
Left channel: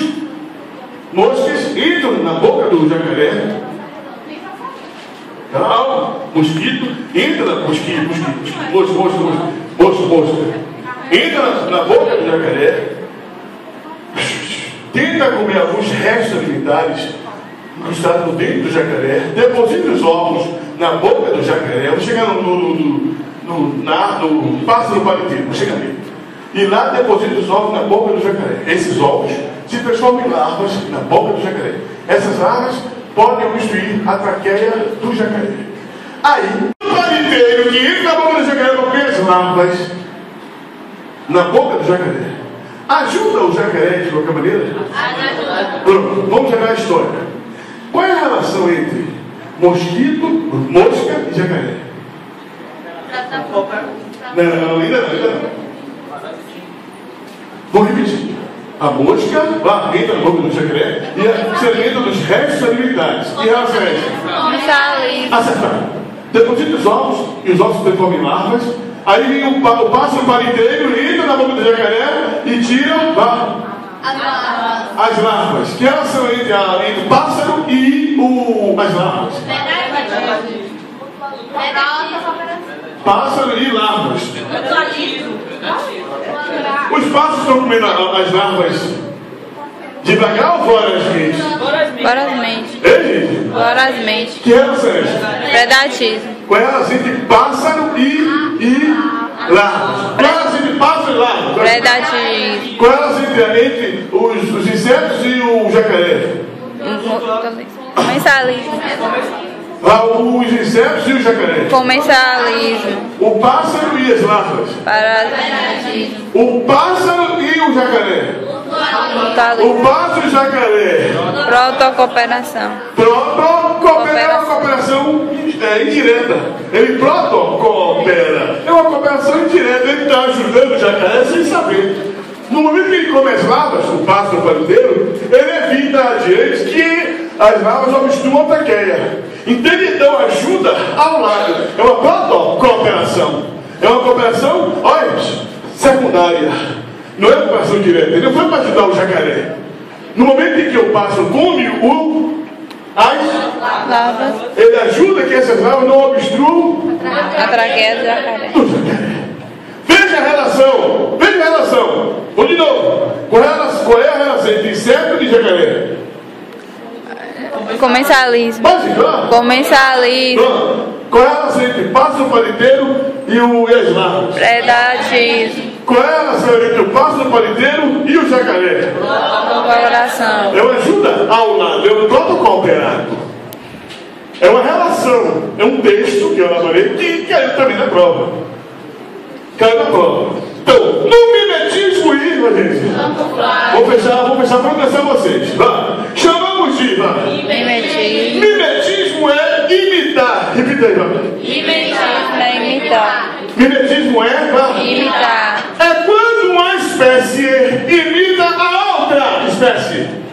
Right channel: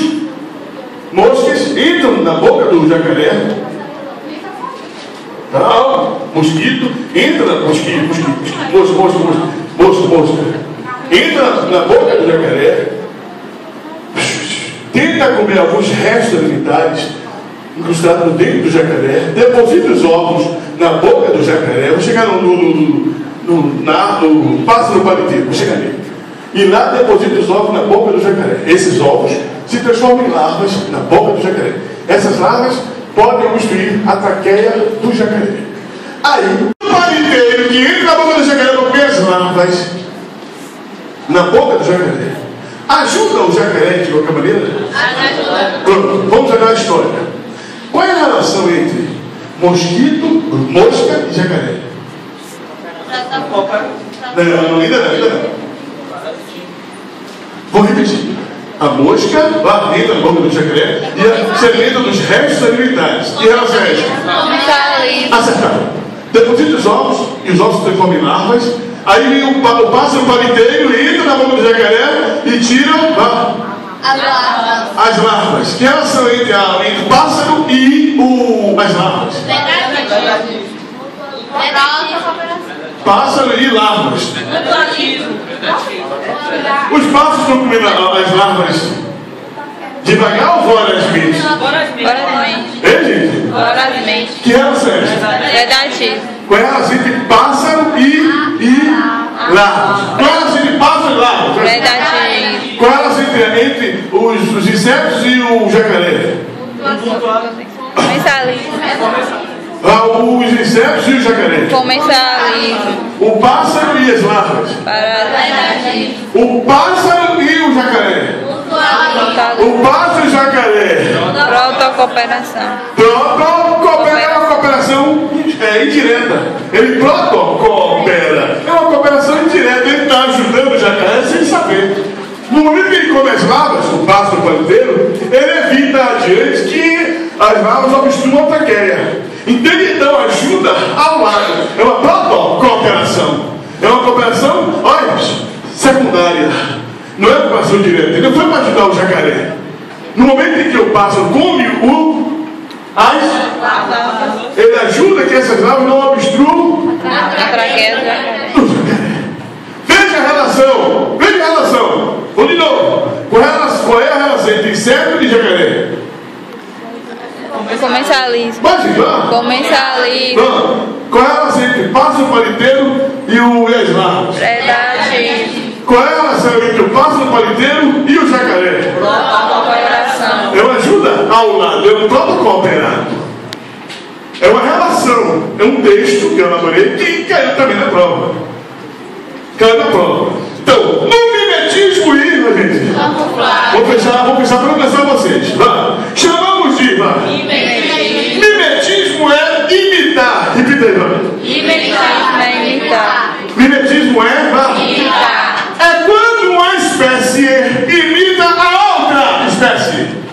moscas, entram na boca do jacaré. Mosquito, entra mosca. Entra na boca do jacaré, tenta comer alguns restos alimentares incrustados dentro do jacaré, deposita os ovos na boca do jacaré. Vou chegar no pássaro paliteiro, vou chegar nele. E lá deposita os ovos na boca do jacaré. Esses ovos se transformam em larvas na boca do jacaré. Essas larvas podem obstruir a traqueia do jacaré. Aí, o paliteiro que entra na boca do jacaré para comer as larvas na boca do jacaré ajuda o jacaré de qualquer maneira? Pronto, vamos jogar a história. Qual é a relação entre mosquito, mosca e jacaré? Não, ainda não. Vou repetir. A mosca entra na boca do jacaré e se alimenta dos restos alimentares. E ela se acertaram. Deposita os ovos, e os ovos se transformam em larvas. Aí vem o pássaro paliteiro, entra na boca do jacaré e tira as larvas. Que relação entre o pássaro e as larvas? Pássaro e larvas. Os pássaros estão comendo as larvas devagar ou vorazmente? Vorazmente. É, gente? Vorazmente. Que relação é essa? Predatismo. Qual é a relação entre pássaro e larvas? Qual é a relação entre pássaro e larvas? Predatismo. Qual é a relação entre os insetos e o jacaré? Comensalismo. Os insetos e o jacaré. Comensalismo. O pássaro e as larvas. Parasitismo. O pássaro e o jacaré. O pássaro e o jacaré. Protocooperação. Protocoopera é uma cooperação indireta. Ele protocoopera. É uma cooperação indireta. Ele está ajudando o jacaré sem saber. No momento que ele come as larvas, o pássaro paliteiro, ele evita adiante que as larvas obstruam a traqueia. Entende? Então, ajuda ao lado. É uma proto-cooperação. É uma cooperação, olha, secundária. Não é cooperação direta. Ele não foi para ajudar o jacaré. No momento em que o pássaro come ele ajuda que essas larvas não obstruam a traqueia do jacaré. Veja a relação. Veja a relação. Ou de novo. Qual é a relação entre inseto e jacaré? Comensalismo. Pode ir lá. Comensalismo. Qual é a relação entre o pássaro paliteiro e as larvas? Predatismo. Qual é a relação entre o pássaro paliteiro e o jacaré? Cooperação. É uma ajuda ao lado, é um protocooperado. É uma relação, é um texto que eu elaborei que caiu também na prova. Caiu na prova. Então, no mimetismo irmã, gente. Vou fechar para atenção vocês. Vá. Chamamos de mimetismo é imitar. Repita aí, vá. Mimetismo é imitar. Mimetismo é Imitar. é quando uma espécie imita a outra espécie.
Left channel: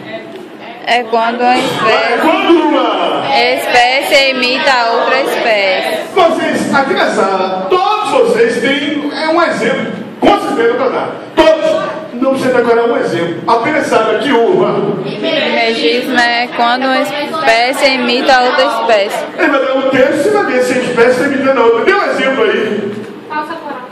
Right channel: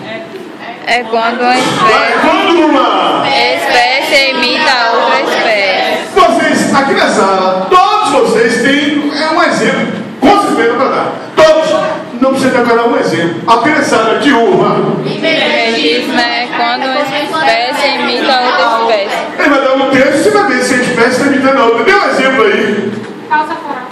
É quando uma Quando uma espécie imita a outra espécie. vocês, aqui na sala, todos vocês têm um exemplo, com certeza para dar. Todos, não precisa decorar um exemplo. Apenas sabe que uva. Mimetismo é quando uma espécie imita a outra espécie. Ele vai dar um texto, você vai ver se a espécie está imitando a outra. Dê um exemplo aí. Falsa coral.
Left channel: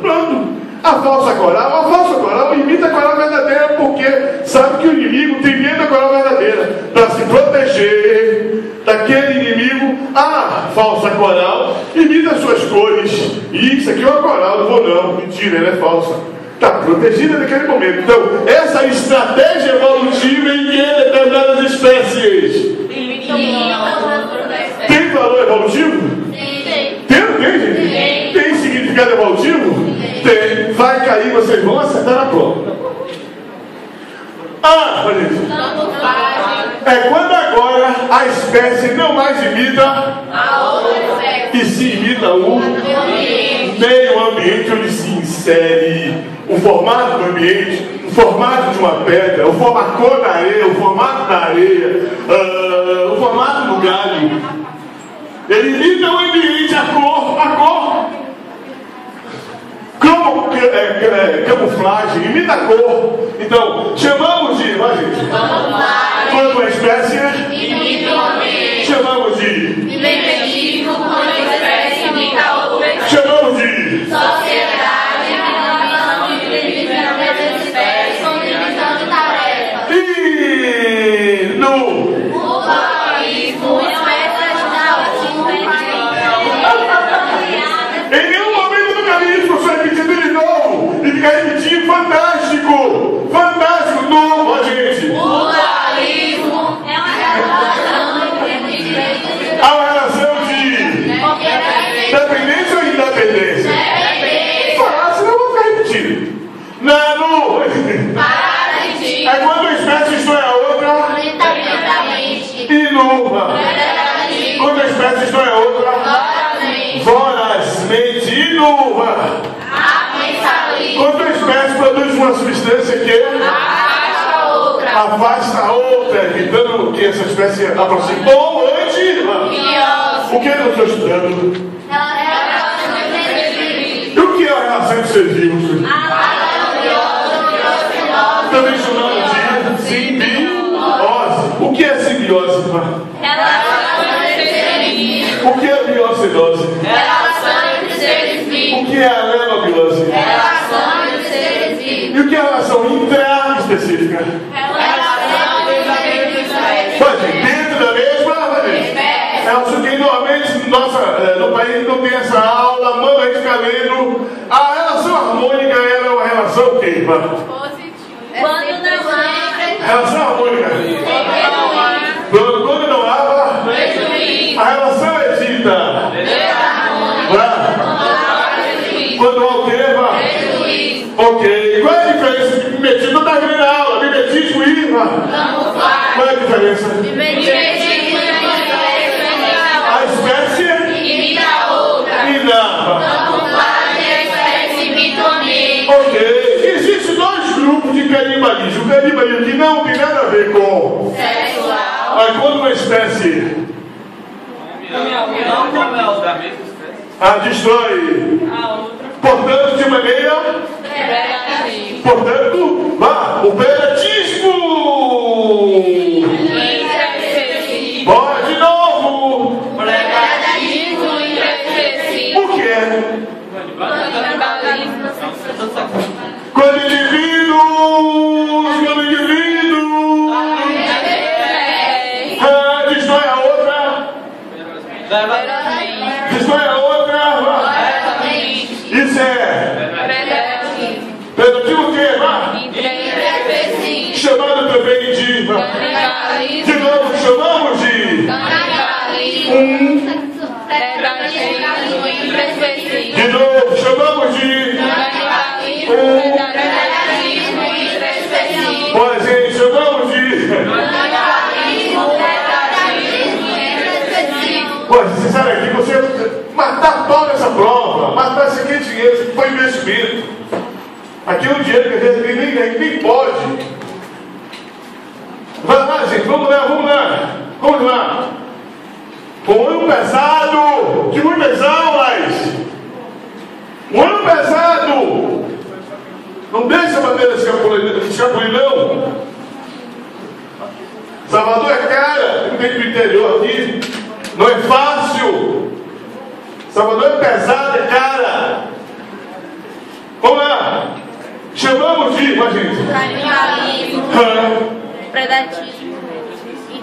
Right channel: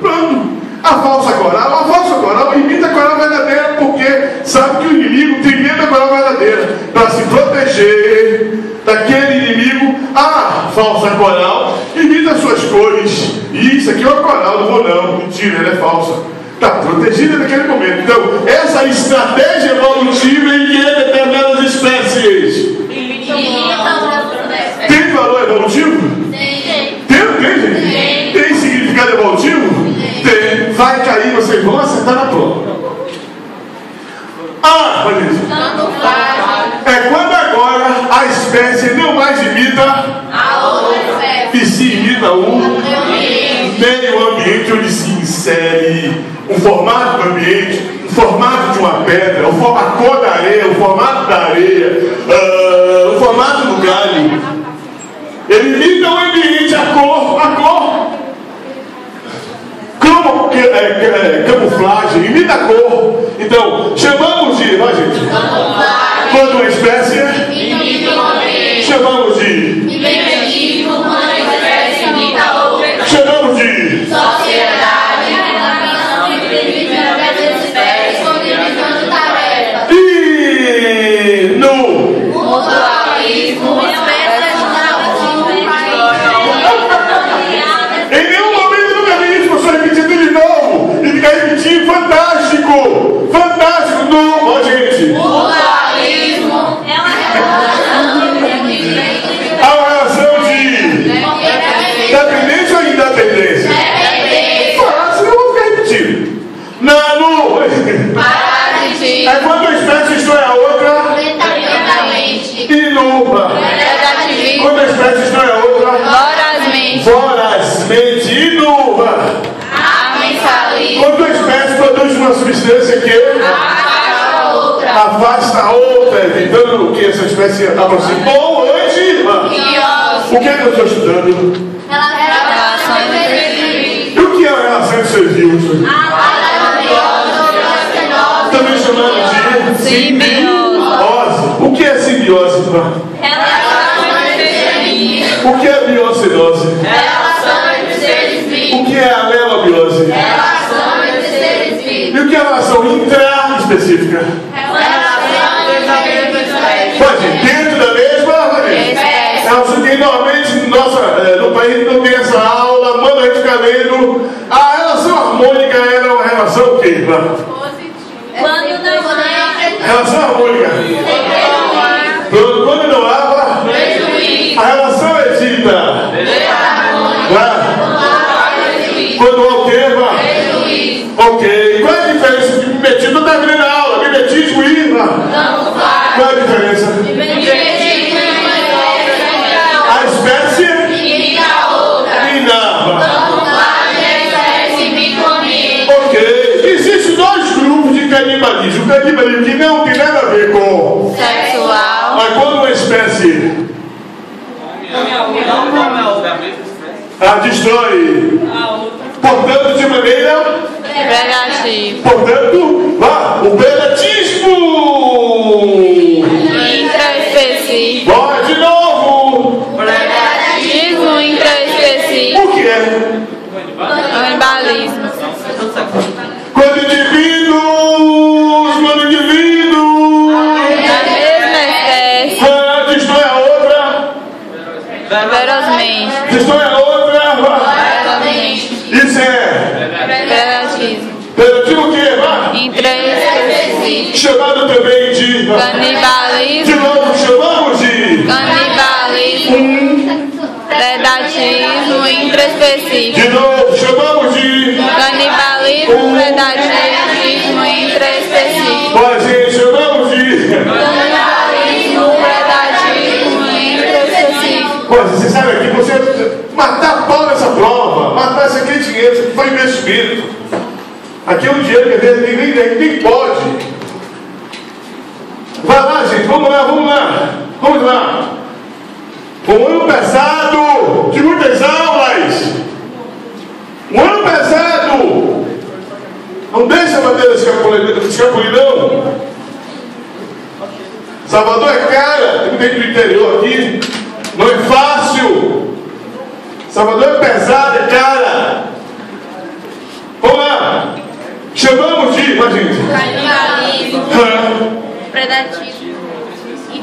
Pronto. A falsa coral imita a coral verdadeira porque sabe que o inimigo tem medo da coral verdadeira. Para se proteger daquele inimigo, a falsa coral imita as suas cores. E isso aqui é uma coral, não vou não. Mentira, ela é falsa. Está protegida naquele momento. Então, essa estratégia evolutiva em que determinadas espécies tem valor evolutivo? Tem, gente? Tem significado evolutivo? Tem. Vai cair, vocês vão acertar na prova. É quando agora a espécie não mais imita e se imita o meio ambiente onde se insere o formato do ambiente, o formato de uma pedra, a cor da areia, o formato da areia, o formato do galho. Ele imita o ambiente, a cor. Camuflagem, imita a cor. Então, chamamos de, vai gente, quando uma espécie, chamamos de, chamamos de, Sociedade, relação entre diferentes espécies com divisão de tarefas. e no Mutualismo, espécies em nenhum momento no caminho, só repetindo de novo e ficar repetindo, fantástico, não, ó gente. Mutualismo é uma relação Há uma relação de dependência ou independência? Senão eu vou ficar repetindo. É quando uma espécie destrói a outra e nova. Quando a espécie destrói a outra vorazmente e nova. Quando uma espécie produz uma substância que afasta a outra, evitando que essa espécie aproxime. Bom, hoje, o que eu estou estudando? E o que é a relação entre seres vivos? Também chamamos de simbiose. O que é simbiose? O que é biocidose? O que é a alelobiose? E o que é a relação intra-específica? Pode, dentro da mesma relação que normalmente no país não tem essa aula, mano, a gente fica lendo. A relação harmônica era uma relação o quê? Relação harmônica. Quando não há, a relação é dita. Quando há o quê? Ok. Qual é a diferença de mimetismo? Não está vendo a aula. Mimetismo e qual é a diferença? A espécie ok. Existem dois grupos de canibalismo. O canibalismo que não tem nada a ver com sexual. mas quando uma espécie Destrói. Portanto, de maneira Predativa. Portanto, vá, o predatismo. Intraespecífico. Bora de novo. Predatismo intraespecífico. O que é? Canibalismo. Quando indivíduos. Da mesma espécie. Destrói a outra. Ferozmente. Destrói a outra. Vá. Ferozmente. Isso é. Predatismo. Predativo o quê? Vá. Intraespecífico. Chamado também de. De Canibalismo. novo, chamamos de. Canibalismo. Predatismo intraespecífico. De novo, chamamos de. Canibalismo. Predatismo intraespecífico. Olha, gente, chamamos de. Canibalismo. Predatismo intraespecífico. Olha, você sabe aqui, você matar pau nessa prova, matar esse aqui dinheiro, isso aqui foi investimento. Aqui é um dinheiro que às vezes nem pode. Vai lá, gente, vamos lá. Um ano pesado, de muitas aulas. Um ano pesado. Não deixa a bandeira escapulir, não. Salvador é cara, tem do interior aqui. Não é fácil. Salvador é pesado, é cara. Vamos lá. Chamamos de, gente. Canibalismo. Predatismo.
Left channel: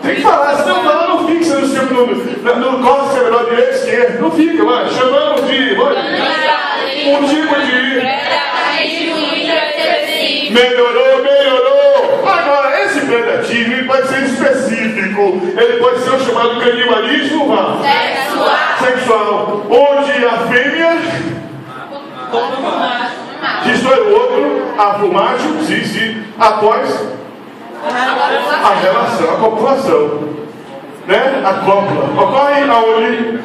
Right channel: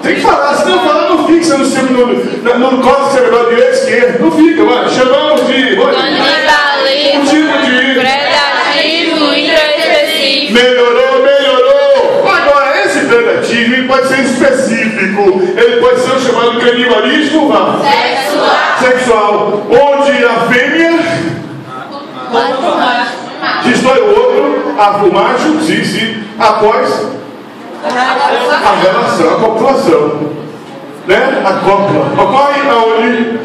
Tem que falar, senão falar não fixa no córtex cerebral direito e esquerdo. Não fica, mano. Chamamos de. Canibalismo. Um tipo de. Predatismo intraespecífico. Melhorou. Agora, esse predatismo ele pode ser específico. Ele pode ser o chamado canibalismo sexual. Onde a fêmea destrói o outro, o macho, sim, após a relação, a copulação, né? A cópula ocorre aonde?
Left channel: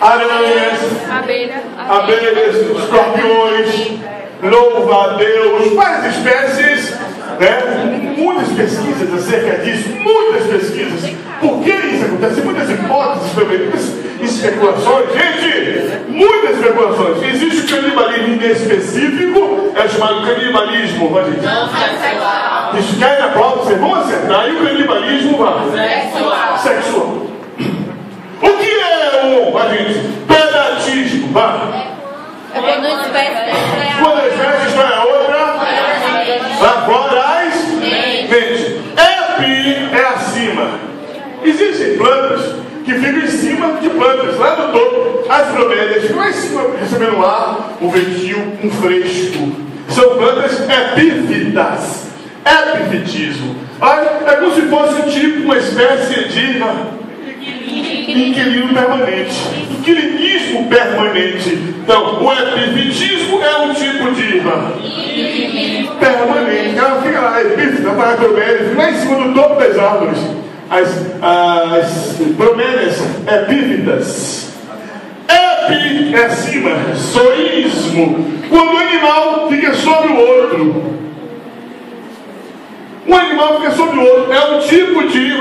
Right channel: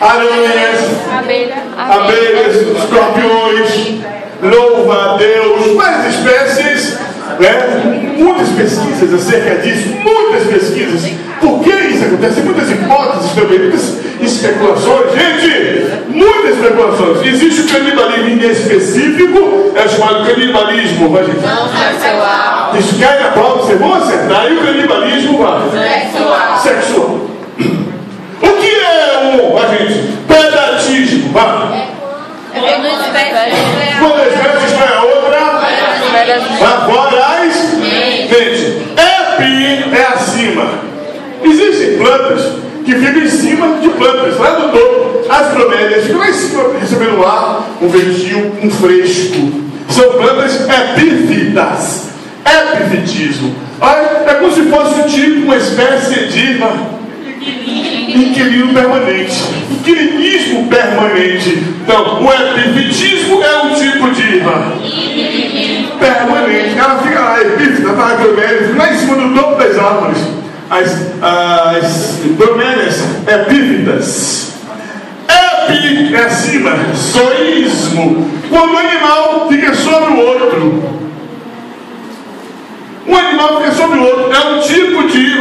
Aranhas, abelhas, escorpiões, louva a Deus, várias espécies, né? Muitas pesquisas acerca disso, muitas pesquisas. Por que isso acontece? Muitas hipóteses também, muitas especulações, gente, muitas especulações. Existe o canibalismo inespecífico, é chamado canibalismo, gente. Isso cai na prova, vocês vão acertar. E o canibalismo sexual. O que é gente? Predatismo, É quando a espécie quando a espécie destrói a outra, vorazmente. Epi é acima. Existem plantas que ficam em cima de plantas, lá do topo. As bromélias ficam lá em cima, recebendo ar, um ventinho, um fresco. São plantas epífitas. Epifitismo. Olha, é como se fosse um tipo, uma espécie de inquilino permanente. Inquilinismo permanente. Então, o epifitismo é um tipo de permanente. Ela fica lá, epífita, para a bromélia, fica lá em cima do topo das árvores. As bromélias epífitas. Epi é acima, zoísmo. Quando o animal fica sobre o outro. Um animal fica sobre o outro. É um tipo de,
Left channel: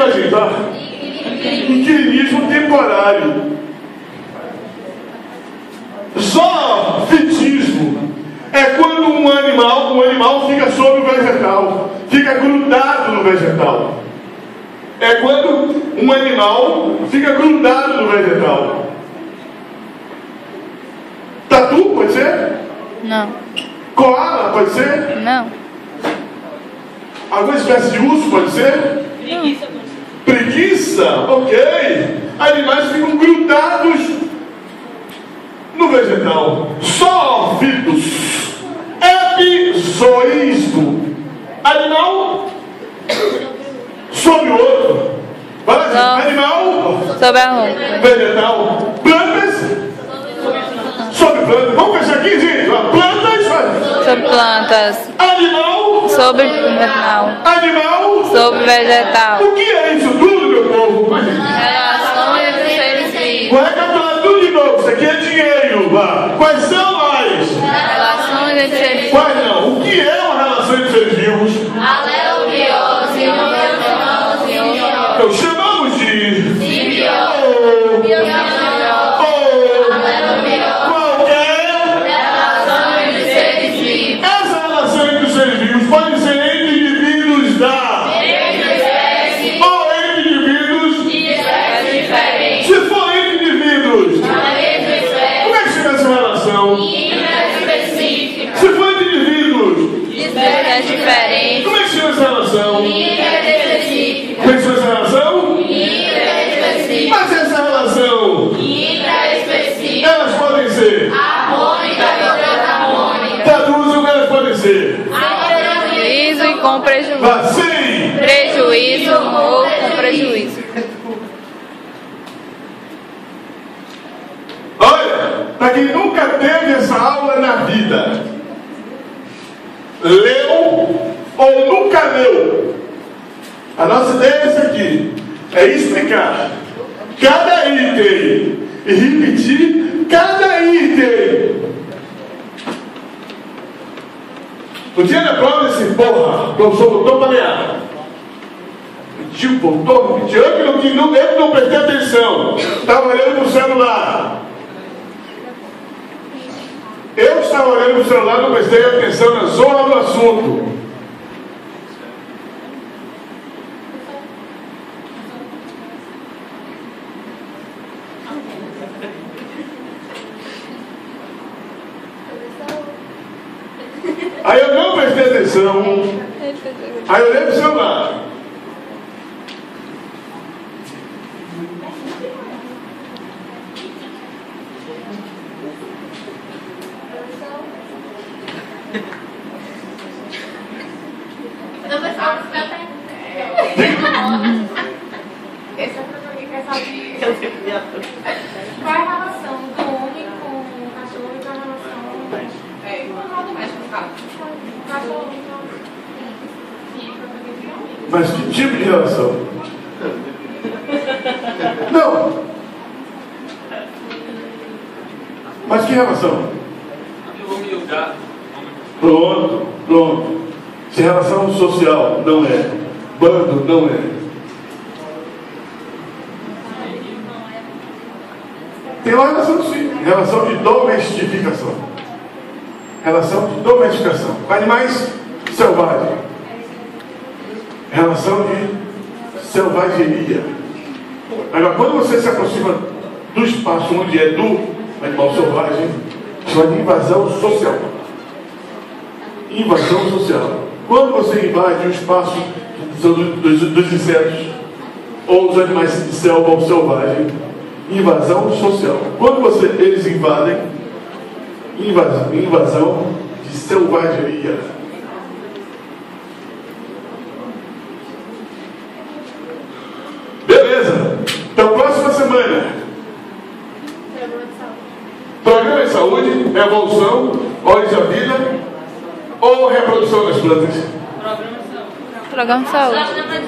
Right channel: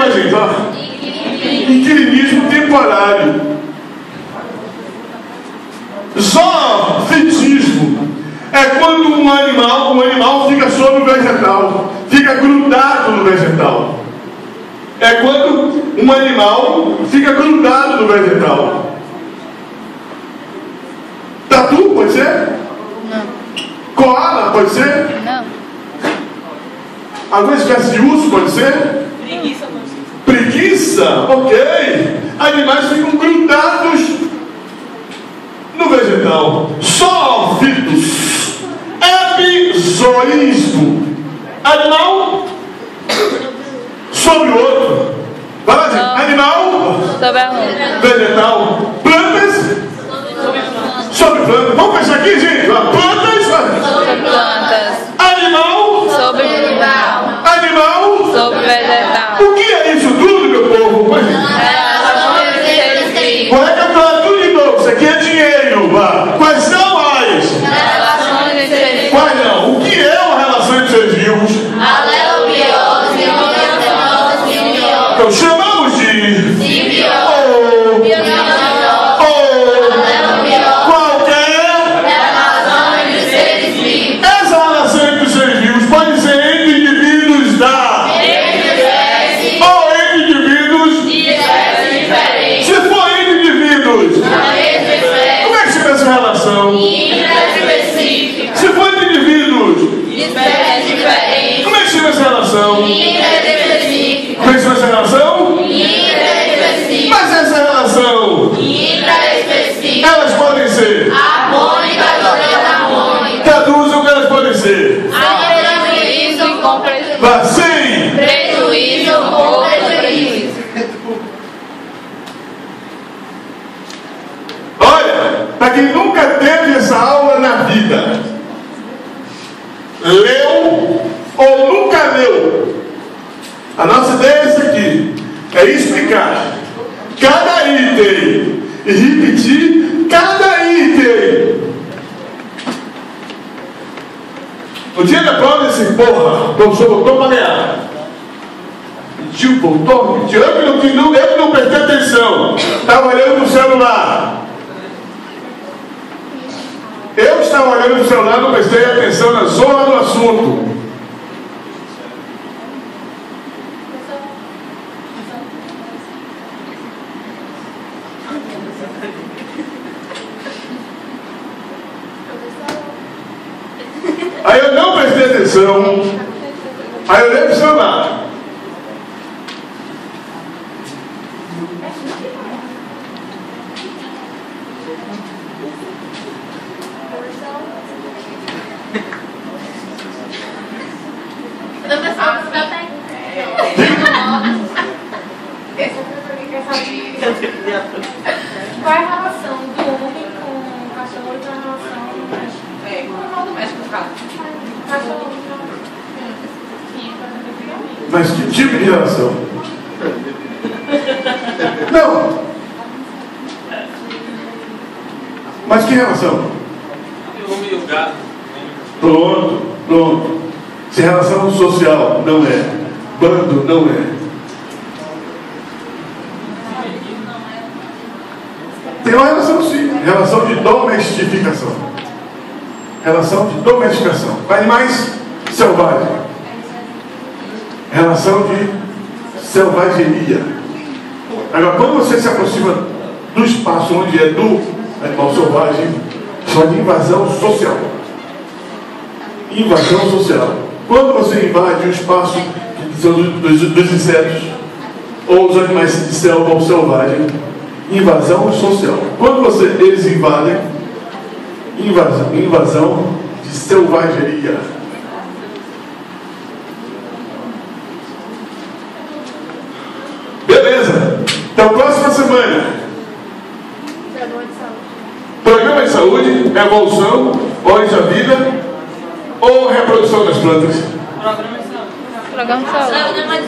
inquilinismo temporário. Zoofitismo é quando um animal fica sobre o vegetal, fica grudado no vegetal. É quando um animal fica grudado no vegetal. Tatu pode ser? Não. Koala pode ser? Não. Alguma espécie de urso pode ser? Preguiça, ok. Animais ficam grudados no vegetal. Zoófitos. Epizoísmo. Animal sobre o outro. Vai lá, gente. Animal Sobre a roupa. vegetal. Plantas sobre plantas. Vamos pensar aqui, gente. Plantas Sobre plantas. Animal. Sobre animal. Animal. Sobre vegetal. O que é isso tudo, meu povo? Vou recapitular tudo de novo. Isso aqui é dinheiro. Vá. Quais são as? Relações entre Quais não? O que é uma relação entre seres vivos? Então chamamos de simbiose. ser. Sem prejuízo e com prejuízo. Vá sem Prejuízo ou prejuízo. Olha, para quem nunca teve essa aula na vida, leu ou nunca leu, a nossa ideia é essa aqui, é explicar cada item e repetir cada item. No dia da prova, esse porra, o professor voltou para ganhar. Mentiu, voltou, mentiu. Eu que não prestei atenção. Estava olhando no celular. Eu estava olhando no celular, não prestei atenção na zona do assunto. Aí eu não prestei atenção. Aí eu olhei para o celular. Qual é a relação do homem com o cachorro e a relação com o médico do carro? Cachorro Mas que tipo de relação? Não. Mas que relação? Pronto. Se relação social não é, bando não é. Tem uma relação sim, relação de domesticação. Relação de domesticação. Com animais selvagens. Relação de selvageria. Agora, quando você se aproxima do espaço onde é do animal selvagem, chama de invasão social. Invasão social. Quando você invade o espaço dos insetos, ou os animais de selva ou selvagem, invasão social. Quando eles invadem, invasão de selvageria. Beleza. Então, próxima semana. Programa de saúde, evolução, ordem da vida ou reprodução das plantas? Programa de saúde.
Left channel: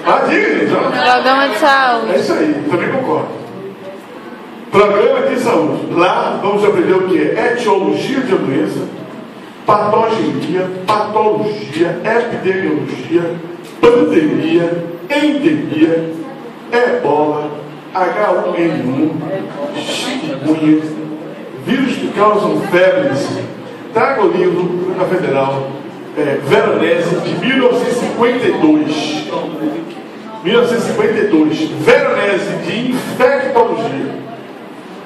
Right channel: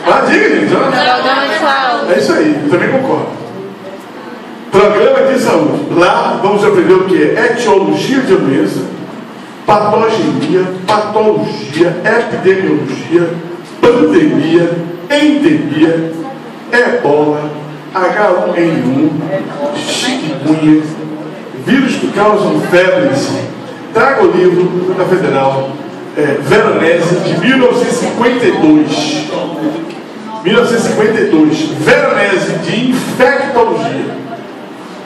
Ah, diga, gente. Programa de saúde. É isso aí, também concordo. Programa de saúde. Lá vamos aprender o que é etiologia de doença, patogenia, patologia, epidemiologia, pandemia, endemia, ebola, H1N1, chikungunya, vírus que causam febres. Traga o livro da Federal, Veronese, de 1952. 1952, Veronese, de infectologia.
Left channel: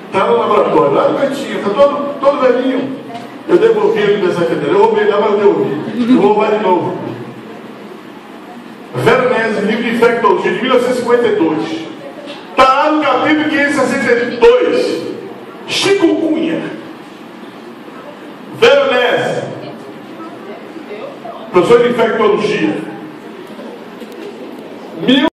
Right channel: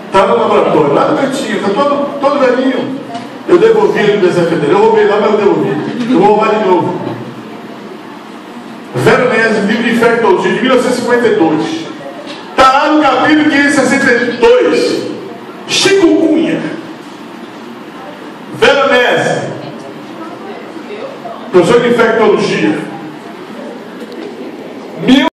Está no laboratório, lá no cantinho, está todo velhinho. Eu devolvi a Universidade Federal, eu roubei lá, mas eu devolvi. Eu vou roubar de novo. Veronese, livro de infectologia, de 1952. Está lá no capítulo 562. Chikungunya. Veronese, professor de infectologia.